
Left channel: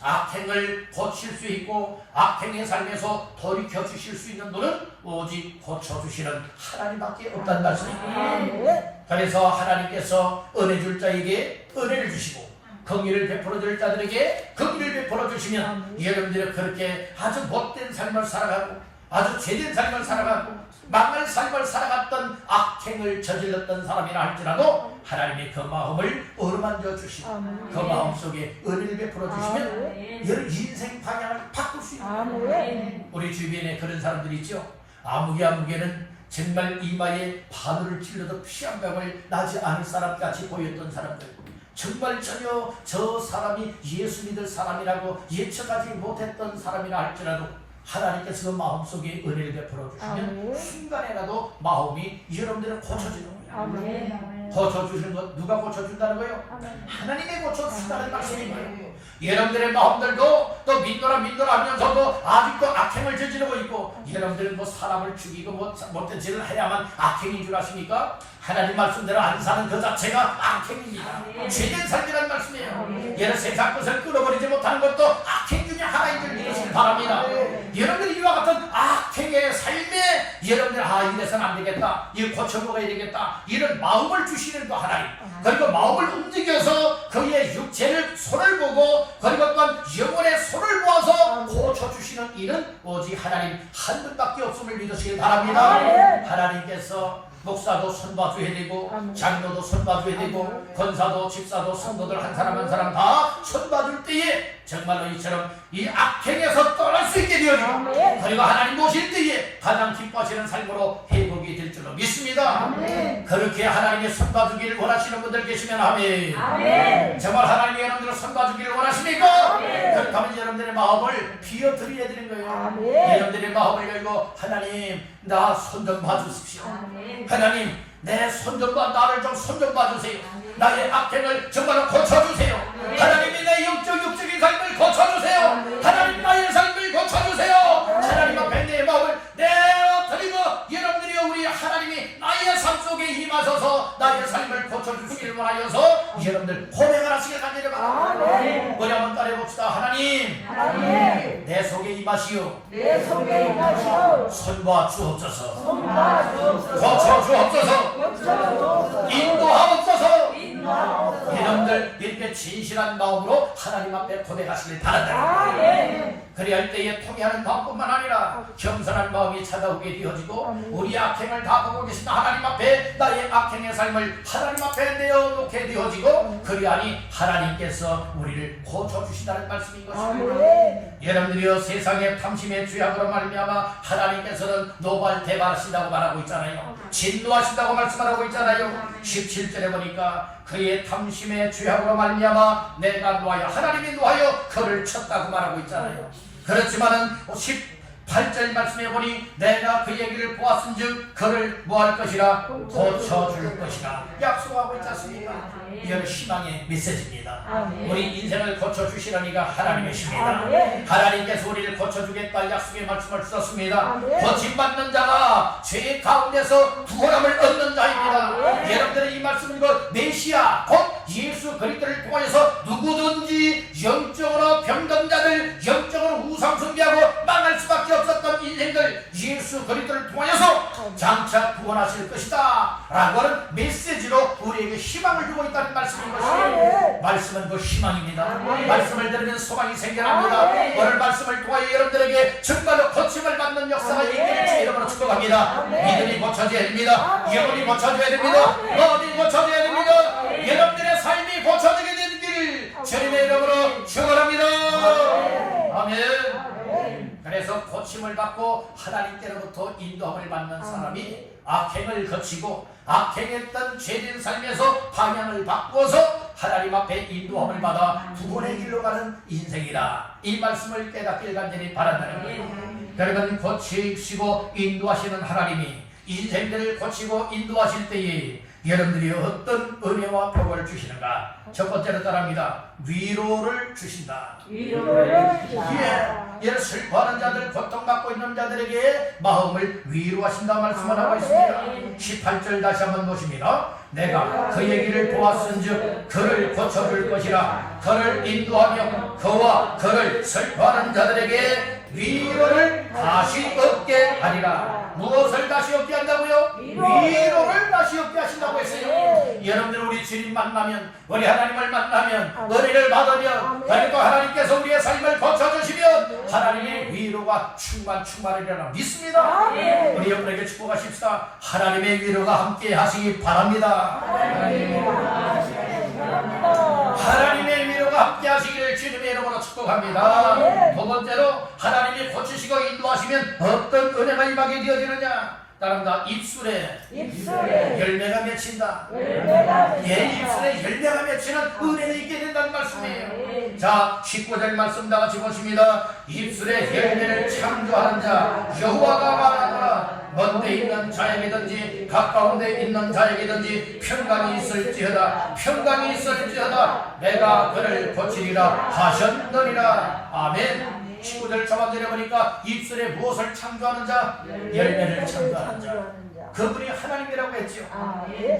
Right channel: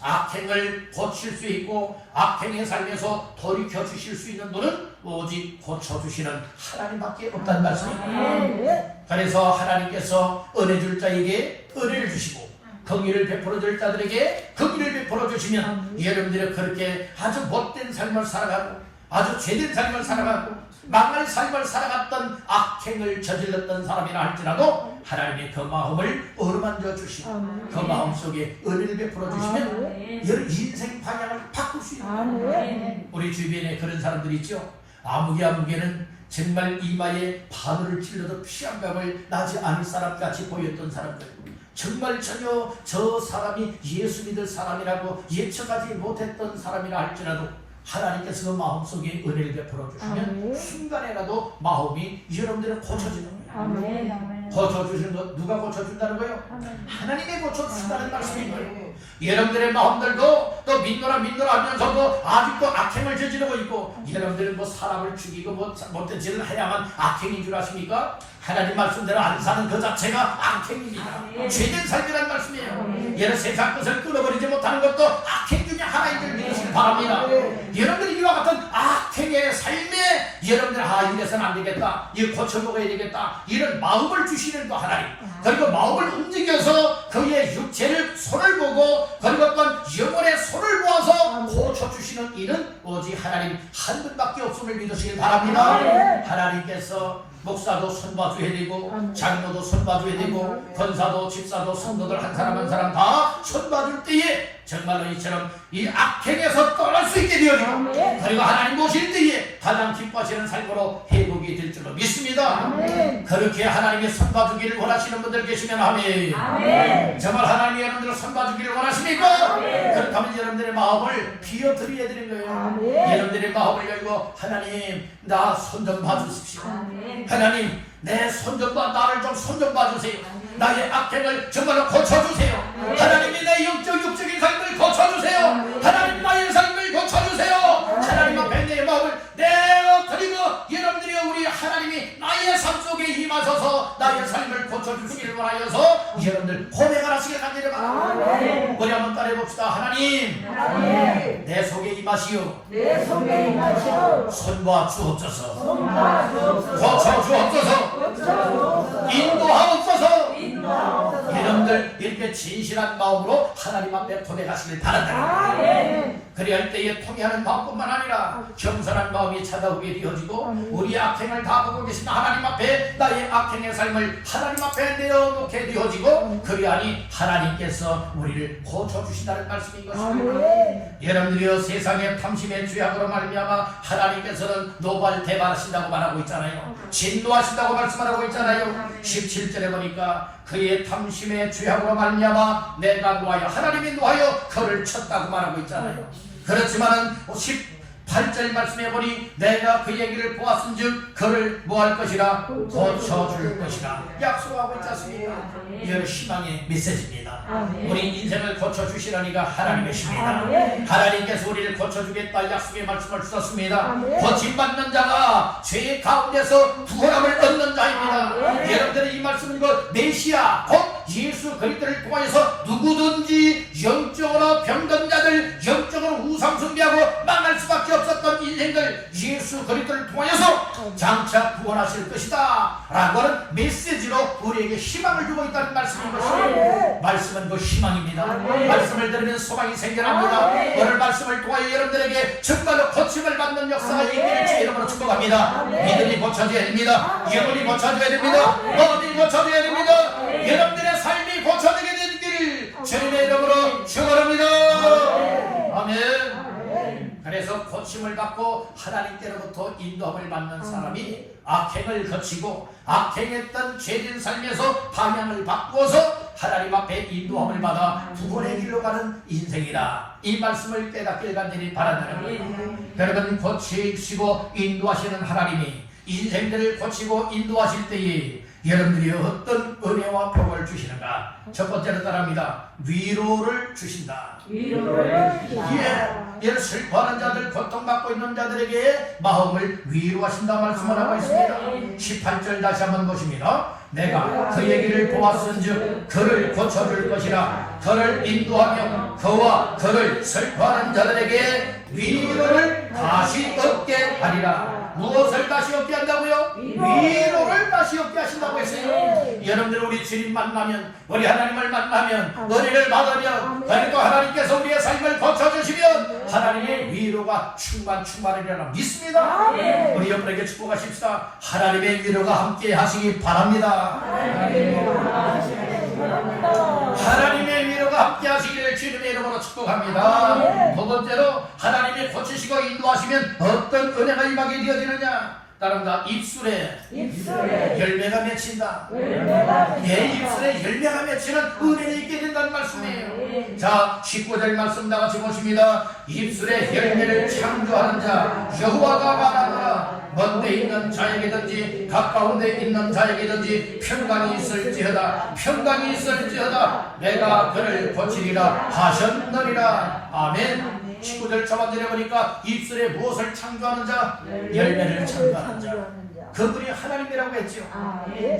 악행을 고칠 수 있고 악행의 삶에서 돌이켜 주실 수 있는 분은 오직 고쳐주시는 하나님밖에 없다는 말씀입니다. 그래서 하나님께서 은혜 줄 자에게 은혜를 주시고 긍휼을 베풀어 줄 자들에게 긍휼을 베풀어 주시면 여러분들이 그렇게 아주 못된 삶을 살아가고 아주 죄된 삶을 살아가고 망할 삶을 살아갔던 악행을 저질렀던 사람이라 할지라도 하나님이 그 마음을 어루만져 주시고 그 마음 속에 은혜를 베풀어 주시면 여러 인생 방향을 바꿀 수 있는 우리 주변에 그런 사람들이 있죠. 아무개는 정말 이마에 바늘을 찔러도 피 한 방울 나지 않을 사람같이 보였던 사람들, 정말 전혀 저 사람이 예수 믿을 사람이라고 예측하지 못했던 사람이라 할지라도 하나님께서 마음속에 은혜를 베풀어 주시면 순간에라도 마음이 여러분들은 고쳐지는 거예요. 고쳐주시는 것 누가 고쳐준다는 거예요? 하나님이 고쳐주신다는 말씀인 거예요. 여러분들의 마음들도 또 믿노라 하면서도 아직도 악행을 저지르고 있고 여러분들은 뭐 사람을 죽이고 못된 짓을 해야만 악행인 줄 아십니까? 하나님 말씀대로 안 사는 그 자체가 악행입니다. 죄된 삶이라는 말씀이에요. 여러 세상 것을 끊어버리지 못하는 것도 악행 중에 하나인 줄 믿으시기 바랍니다. 여러분들이 이와 같은 악행의 삶에 여러분들 이래서는 안 되겠다, 이거 고쳐먹어야 되겠다 이런 마음을 주시는 그 하나님, 그리고 마음을 움직여서 그의 육체를 손을 보고 그리고 또한 영혼의 손을 모아서 고쳐주시는 이는 오직 하나님 한 분밖에 없음을 믿으시길 바랍니다. 하나님께서 목사도 손봐줘야 되고 장로도 손봐줘야 되고 권사도 집사도 성도들 한 사람 한 사람 다 손봐줄 때에 정말로 이처럼 이 악행에서 떠날 수 있게 되어지고 그리고 하나님 모실 때에 가장 기뻐하시는 삶으로 회복이 될 줄로 믿습니다. 그렇게 하나님의 손봐주기를 원하시는 분들 계시면 아멘. 정말 하나님이 여러분들을 손봐주기를 원하십니까? 그렇다면 여러분들의 마음을 비워드려야 되는 거예요. 여러분들의 마음을 열고 하나님 나 손 좀 봐주십시오. 하나님 내 손 좀 나를 좀 손 좀 봐주세요. 나의 악행을 정말로 고쳐주세요. 하나님이 내 육적인 삶을 고쳐주세요. 하나님 나의 삶을 고쳐주세요. 하나님 앞에 내 마음을 내어드리고 여러분들이 우리 하나님이 나의 삶 속에 임하셔서 나의 삶을 고쳐주시기를 원하여서 여러분들 고백을 하시길 간절히 바랍니다. 우리 한번 따라해봅시다. 하나님 내 속에 임하시오. 손봐 주옵소서. 고쳐 주옵소서. 인도하옵소서. 여러분들 이렇게 여러분들의 진실한 마음으로 하나님 앞에 고백하시길 바란다. 그리할 때에 통회하는 마음뿐만 아니라 겸손한 마음이 찾아오게 되어지고 우리 악행을 다 보고 계신 하나님 앞에 나의 악행의 삶을 하나님 앞에 내어놓게 되어지고 그리하니 하나님께서 우리를 고쳐주신다는 말씀인 것입니다. 여러분들이여 세상의 탐심의 죄악으로 말미암아 하나님께서는 노발대발하신다고 말하고 있잖아요. 진노하신다고 말씀하고 있잖아요. 17절에 보니까 그의 탐심의 죄악으로 말미암아 내가 노하여 하나님이 노하여 그를 쳤다고 말하고 있잖아요. 그렇지만은 18절 말씀해 보니 내가 그 얘기를 보았은즉 그를 뭐할 것이라 고쳐줄 것이라 약속하고 있지 않습니까? 이건 희망의 메시지입니다. 우리 인생을 고쳐주시려니가 하나님이십니다. 하나님께서 우리를 고쳐주겠다 약속의 말씀을 주셨습니다. 고침받는 자가 죄의 가운데서 구원함을 얻는 자입니다. 여러분들의 이 말씀은 그 메시아 곧 예수 그리스도를 통하여서 누구든지 영적으로 병든 자들, 영적으로 우상숭배하고 망할 수밖에 없었던 인생들 예수 그리스도를 통하여서 장차 구원하실 것이다 라고 하는 메시지로 우리에게 희망을 주고 있다는 말씀인 것입니다. 말씀은 그 희망입니다. 말씀을 들으면 소망이 생겨납니다. 오늘 말씀을 통하여 여러분들에게 정말로 고침을 받는 역사가 있기를 이름으로 축복합니다. 믿음이 고쳐져야 됩니다. 영혼이 고쳐져야 됩니다. 마음이 고쳐져야 됩니다. 여러분들의 삶이 고쳐지게 되기를 주님의 이름으로 축원합니다. 아멘. 그래서 고침을 받고 하나님께로부터 인도함을 받는 사람이 악행을 거치고 악행했던 죄진 삶에서 방향을 바꾸어서 하나님 앞에 인도함을 받아 구원의 길로 가는 인생이다. 이 말씀을 깨닫길 간절히 바란다는 거예요. 여러분 고치시고 인도하시는 하나님이 인생들을 고치고 인도하실 때에 여러분들이 어떤 은혜와 복을 주시는가? 첫 번째로 따라합니다. 위로를 주신다. 위로를 주신다. 예, 슬퍼하는 자들, 고통받고 있는 자들에게 마음을 위로하신다 말씀을 하고 있습니다. 18절 다시 한번 보십니다. 내가 그 얘기를 보았은즉 그를 고쳐줄 것이라. 그를 인도하며 그와 그를 슬퍼하는 자들에게 위로를 다시 얻게 하리라. 무엇을 다시 얻게 한다고요? 위로를 다시 얻게 하신다고 했어요. 여러분들 우리 주님 만나면, 우리 하나님을 만나면, 은혜를 받으면, 그리고 하나님께서 우리의 삶을 고쳐주시면 하나님의 위로가 충만하리라 믿습니다. 우리 여러분에게 축복하십시다. 하나님의 위로가 함께 하시기 바랍니다. 하나님의 위로가 함께 하시기를 주님의 이름으로 축복합니다. 두 번째로 하나님이 고치시고 인도하시면 어떤 은혜가 임하게 되어지느냐? 따릅니다. 입술에 열매가 맺힌다. 예, 입술에 열매가 맺히는 은혜를 있게 된다는 말씀이에요. 자, 19절 말씀 다 같이 보십니다. 입술에 열매를 창조하는 자 여호와가 말하노라. 먼 데 있는 자에게든지 가까운 데 있는 자에게든지 평강이 있을지어다. 평강이 있을지어다. 내가 그를 고치리라 하셨느니라. 아멘. 19절 저만 내려보니까 입술에 무엇을 창조하는 자? 열매를 창조하는 자. 그분이 하나님이라고 했죠.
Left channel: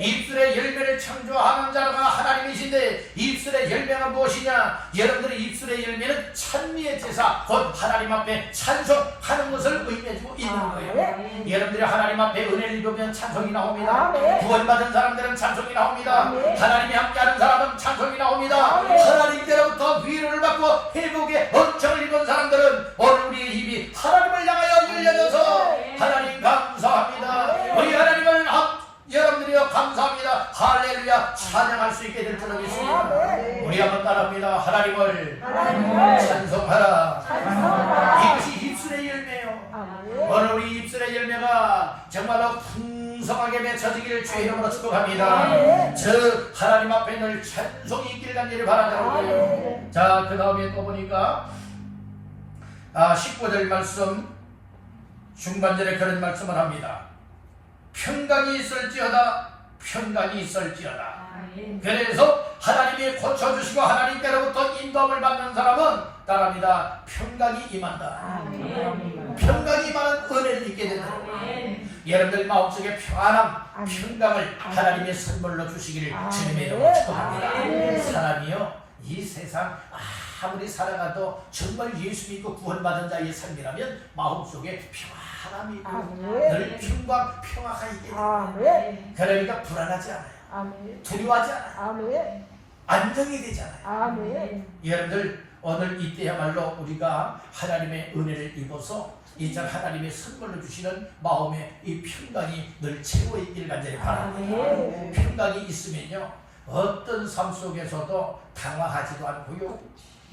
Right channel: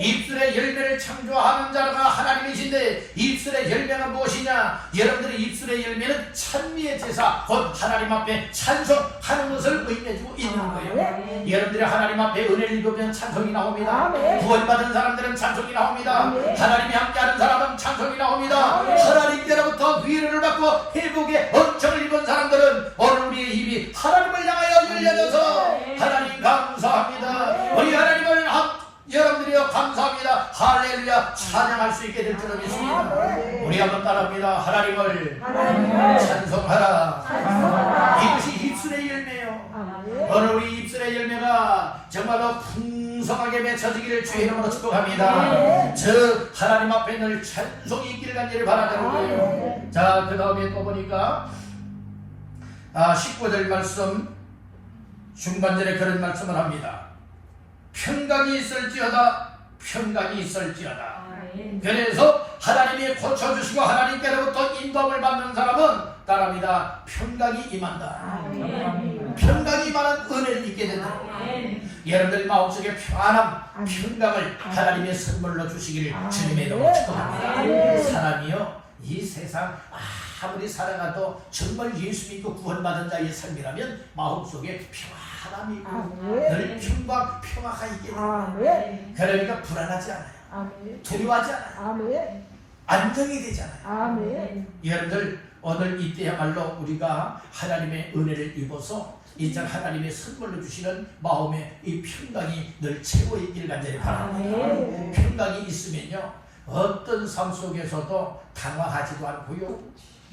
입술의 열매를 창조하는 자가 하나님이신데 입술의 열매가 무엇이냐? 여러분들의 입술의 열매는 찬미의 제사, 곧 하나님 앞에 찬송하는 것을 의미해주고 있는 거예요. 여러분들이 하나님 앞에 은혜를 입으면 찬송이 나옵니다. 구원받은 사람들은 찬송이 나옵니다. 하나님이 함께하는 사람은 찬송이 나옵니다. 하나님께로부터 위로를 받고 회복의 은총을 입은 사람들은 오늘 우리의 입이 하나님을 향하여 열려져서 하나님 감사합니다. 우리 하나님을 여러분들이여 감사합니다. 할렐루야 찬양할 수 있게 될 줄을 믿습니다. 우리 한번 따라합니다. 하나님을 찬송하라. 이것이 입술의 열매예요. 오늘 우리 입술의 열매가 정말로 풍성하게 맺혀지기를 주의 이름으로 축복합니다. 즉 하나님 앞에 늘 찬송이 있기를 간절히 바라는 거예요. 자, 그 다음에 또 보니까 19절 말씀 중반절에 그런 말씀을 합니다. 평강이 있을지어다. 평강이 있을지어다. 그래서 하나님이 고쳐주시고 하나님께로부터 인도함을 받는 사람은 따라합니다. 평강이 임한다. 평강이 임하는 은혜를 입게 된다. 여러분들 마음속에 평안함, 평강을 하나님의 선물로 주시기를 주님의 이름으로 축복합니다. 사람이요 이 세상 아무리 살아가도 정말 예수 믿고 구원받은 자의 삶이라면 마음속에 평안함이 있고 늘 평강, 평화가 있게 됩니다. 그러니까 불안하지 않아요. 두려워하지 않아요. 안정이 되잖아요. 아멘. 여러분들 오늘 이때야말로 우리가 하나님의 은혜를 입어서 이제 하나님의 선물로 주시는 마음의 이 평강이 늘 채워 있기를 간절히 바랍니다. 평강이 있으면요 어떤 삶 속에서도 당황하지도 않고요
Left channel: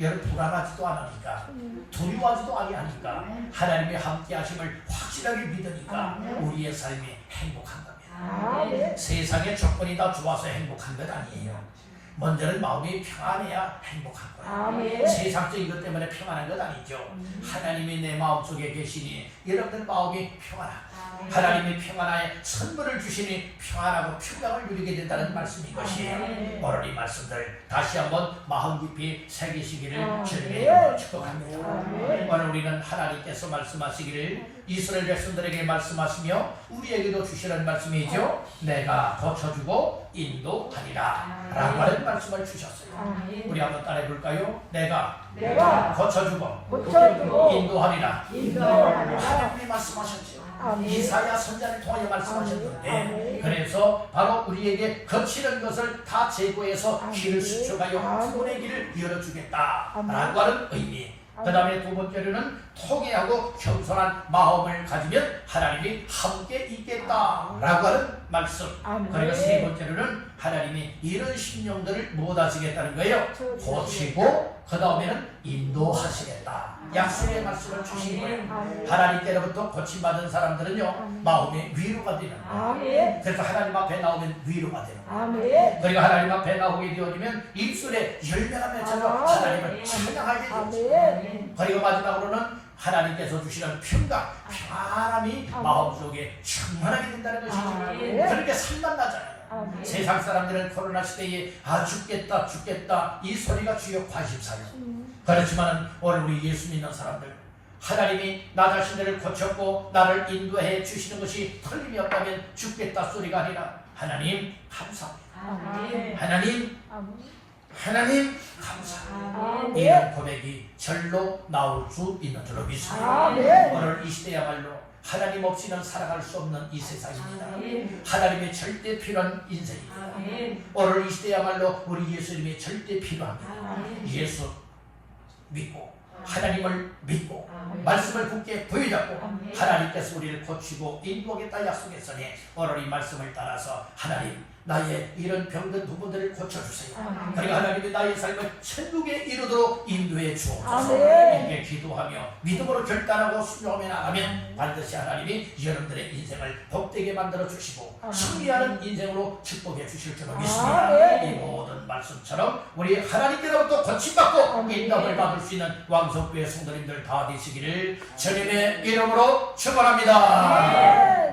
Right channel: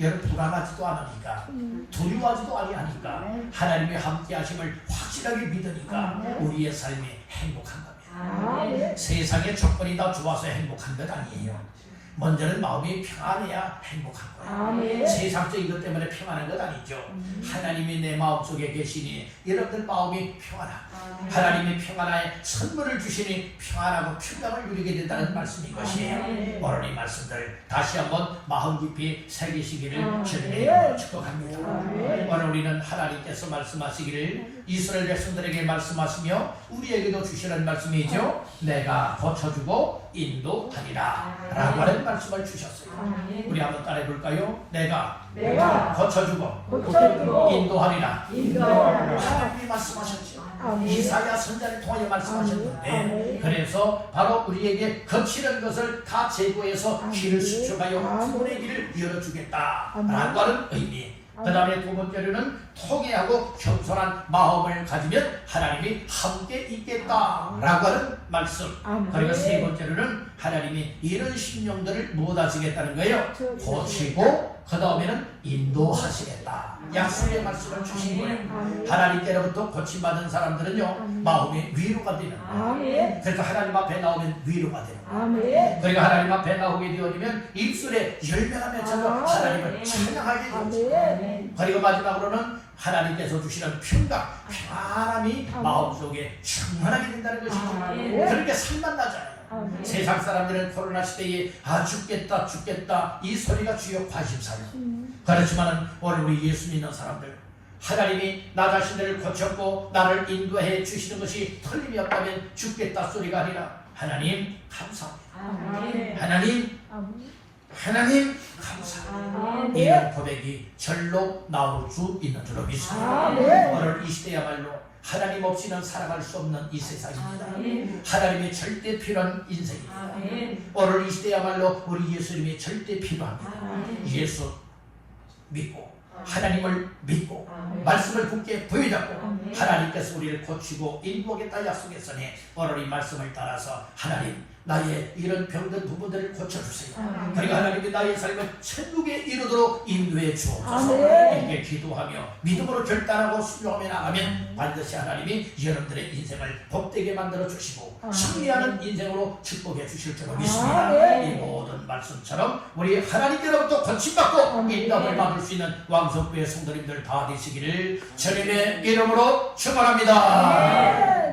여러분 불안하지도 않으니까 두려워하지도 아니하니까 하나님의 함께 하심을 확실하게 믿으니까 우리의 삶이 행복한 겁니다. 세상의 조건이 다 좋아서 행복한 것 아니에요. 먼저는 마음이 평안해야 행복한 거예요. 세상적인 것 때문에 평안한 것 아니죠. 하나님이 내 마음속에 계시니 여러분들 마음이 평안하고 하나님이 평안하에 선물을 주시니 평안하고 평강을 누리게 된다는 말씀인 것이에요. 오늘 이 말씀들 다시 한번 마음 깊이 새기시기를 주님의 이름으로 축복합니다. 오늘 우리는 하나님께서 말씀하시기를 이스라엘 백성들에게 말씀하시며 우리에게도 주시는 말씀이죠. 내가 고쳐주고 인도하리라 라고 하는 말씀을 주셨어요. 우리 한번 따라해 볼까요? 내가 고쳐주고 인도하리라. 하나님이 말씀하셨죠. 이사야 선지자를 통하여 말씀하셨는데 그래서 바로 우리에게 거치는 것을 다 제거해서 길을 수축하여 구원의 길을 열어주겠다 라고 하는 의미. 그 다음에 두 번째로는 통회하고 겸손한 마음을 가지면 하나님이 함께 있겠다 라고 하는 말씀. 그리고 세 번째로는 하나님이 이런 심령들을 못 하시겠다는 거예요. 고치고 그 다음에는 인도하시겠다. 약속의 말씀을 주신 거예요. 하나님께로부터 고침받은 사람들은요 마음이 위로가 되는 거예요. 그래서 하나님 앞에 나오면 위로가 되는 거예요. 그리고 하나님 앞에 나오게 되어지면 입술에 열매가 맺혀서 하나님을 찬양하게 되죠. 그리고 마지막으로는 하나님께서 주시는 평안함이 마음속에 충만하게 된다는 것이죠. 그렇게 살만 나잖아요. 세상 사람들은 코로나 시대에 죽겠다 이 소리가 주요 관심사예요. 그렇지만 오늘 우리 예수 믿는 사람들 하나님이 나 자신들을 고쳤고 나를 인도해 주시는 것이 틀림이 없다면 죽겠다 소리가 아니라 하나님 감사합니다. 하나님 감사합니다. 이런 고백이 절로 나올 수 있는 줄로 믿습니다. 오늘 이 시대야말로 하나님 없이는 살아갈 수 없는 이 세상입니다. 하나님의 절대 필요한 인생입니다. 오늘 이 시대야말로 우리 예수님이 절대 필요합니다. 예수 믿고 하나님을 믿고 말씀을 굳게 부여잡고 하나님께서 우리를 고치고 인도하겠다 약속했으니 오늘 이 말씀을 따라서 하나님 나의 이런 병든 부분들을 고쳐주세요. 그리고 하나님이 나의 삶을 천국에 이르도록 인도해 주옵소서. 이렇게 기도하며 믿음으로 결단하고 순종하며 나가면 반드시 하나님이 여러분들의 인생을 복되게 만들어 주시고 승리하는 인생으로 축복해 주실 줄로 믿습니다. 이 모든 말씀처럼 우리 하나님께로부터 고침받고 인도를 받을 수 있는 왕성부의 성도님들 다 되시기를 주님의 이름으로 축원합니다.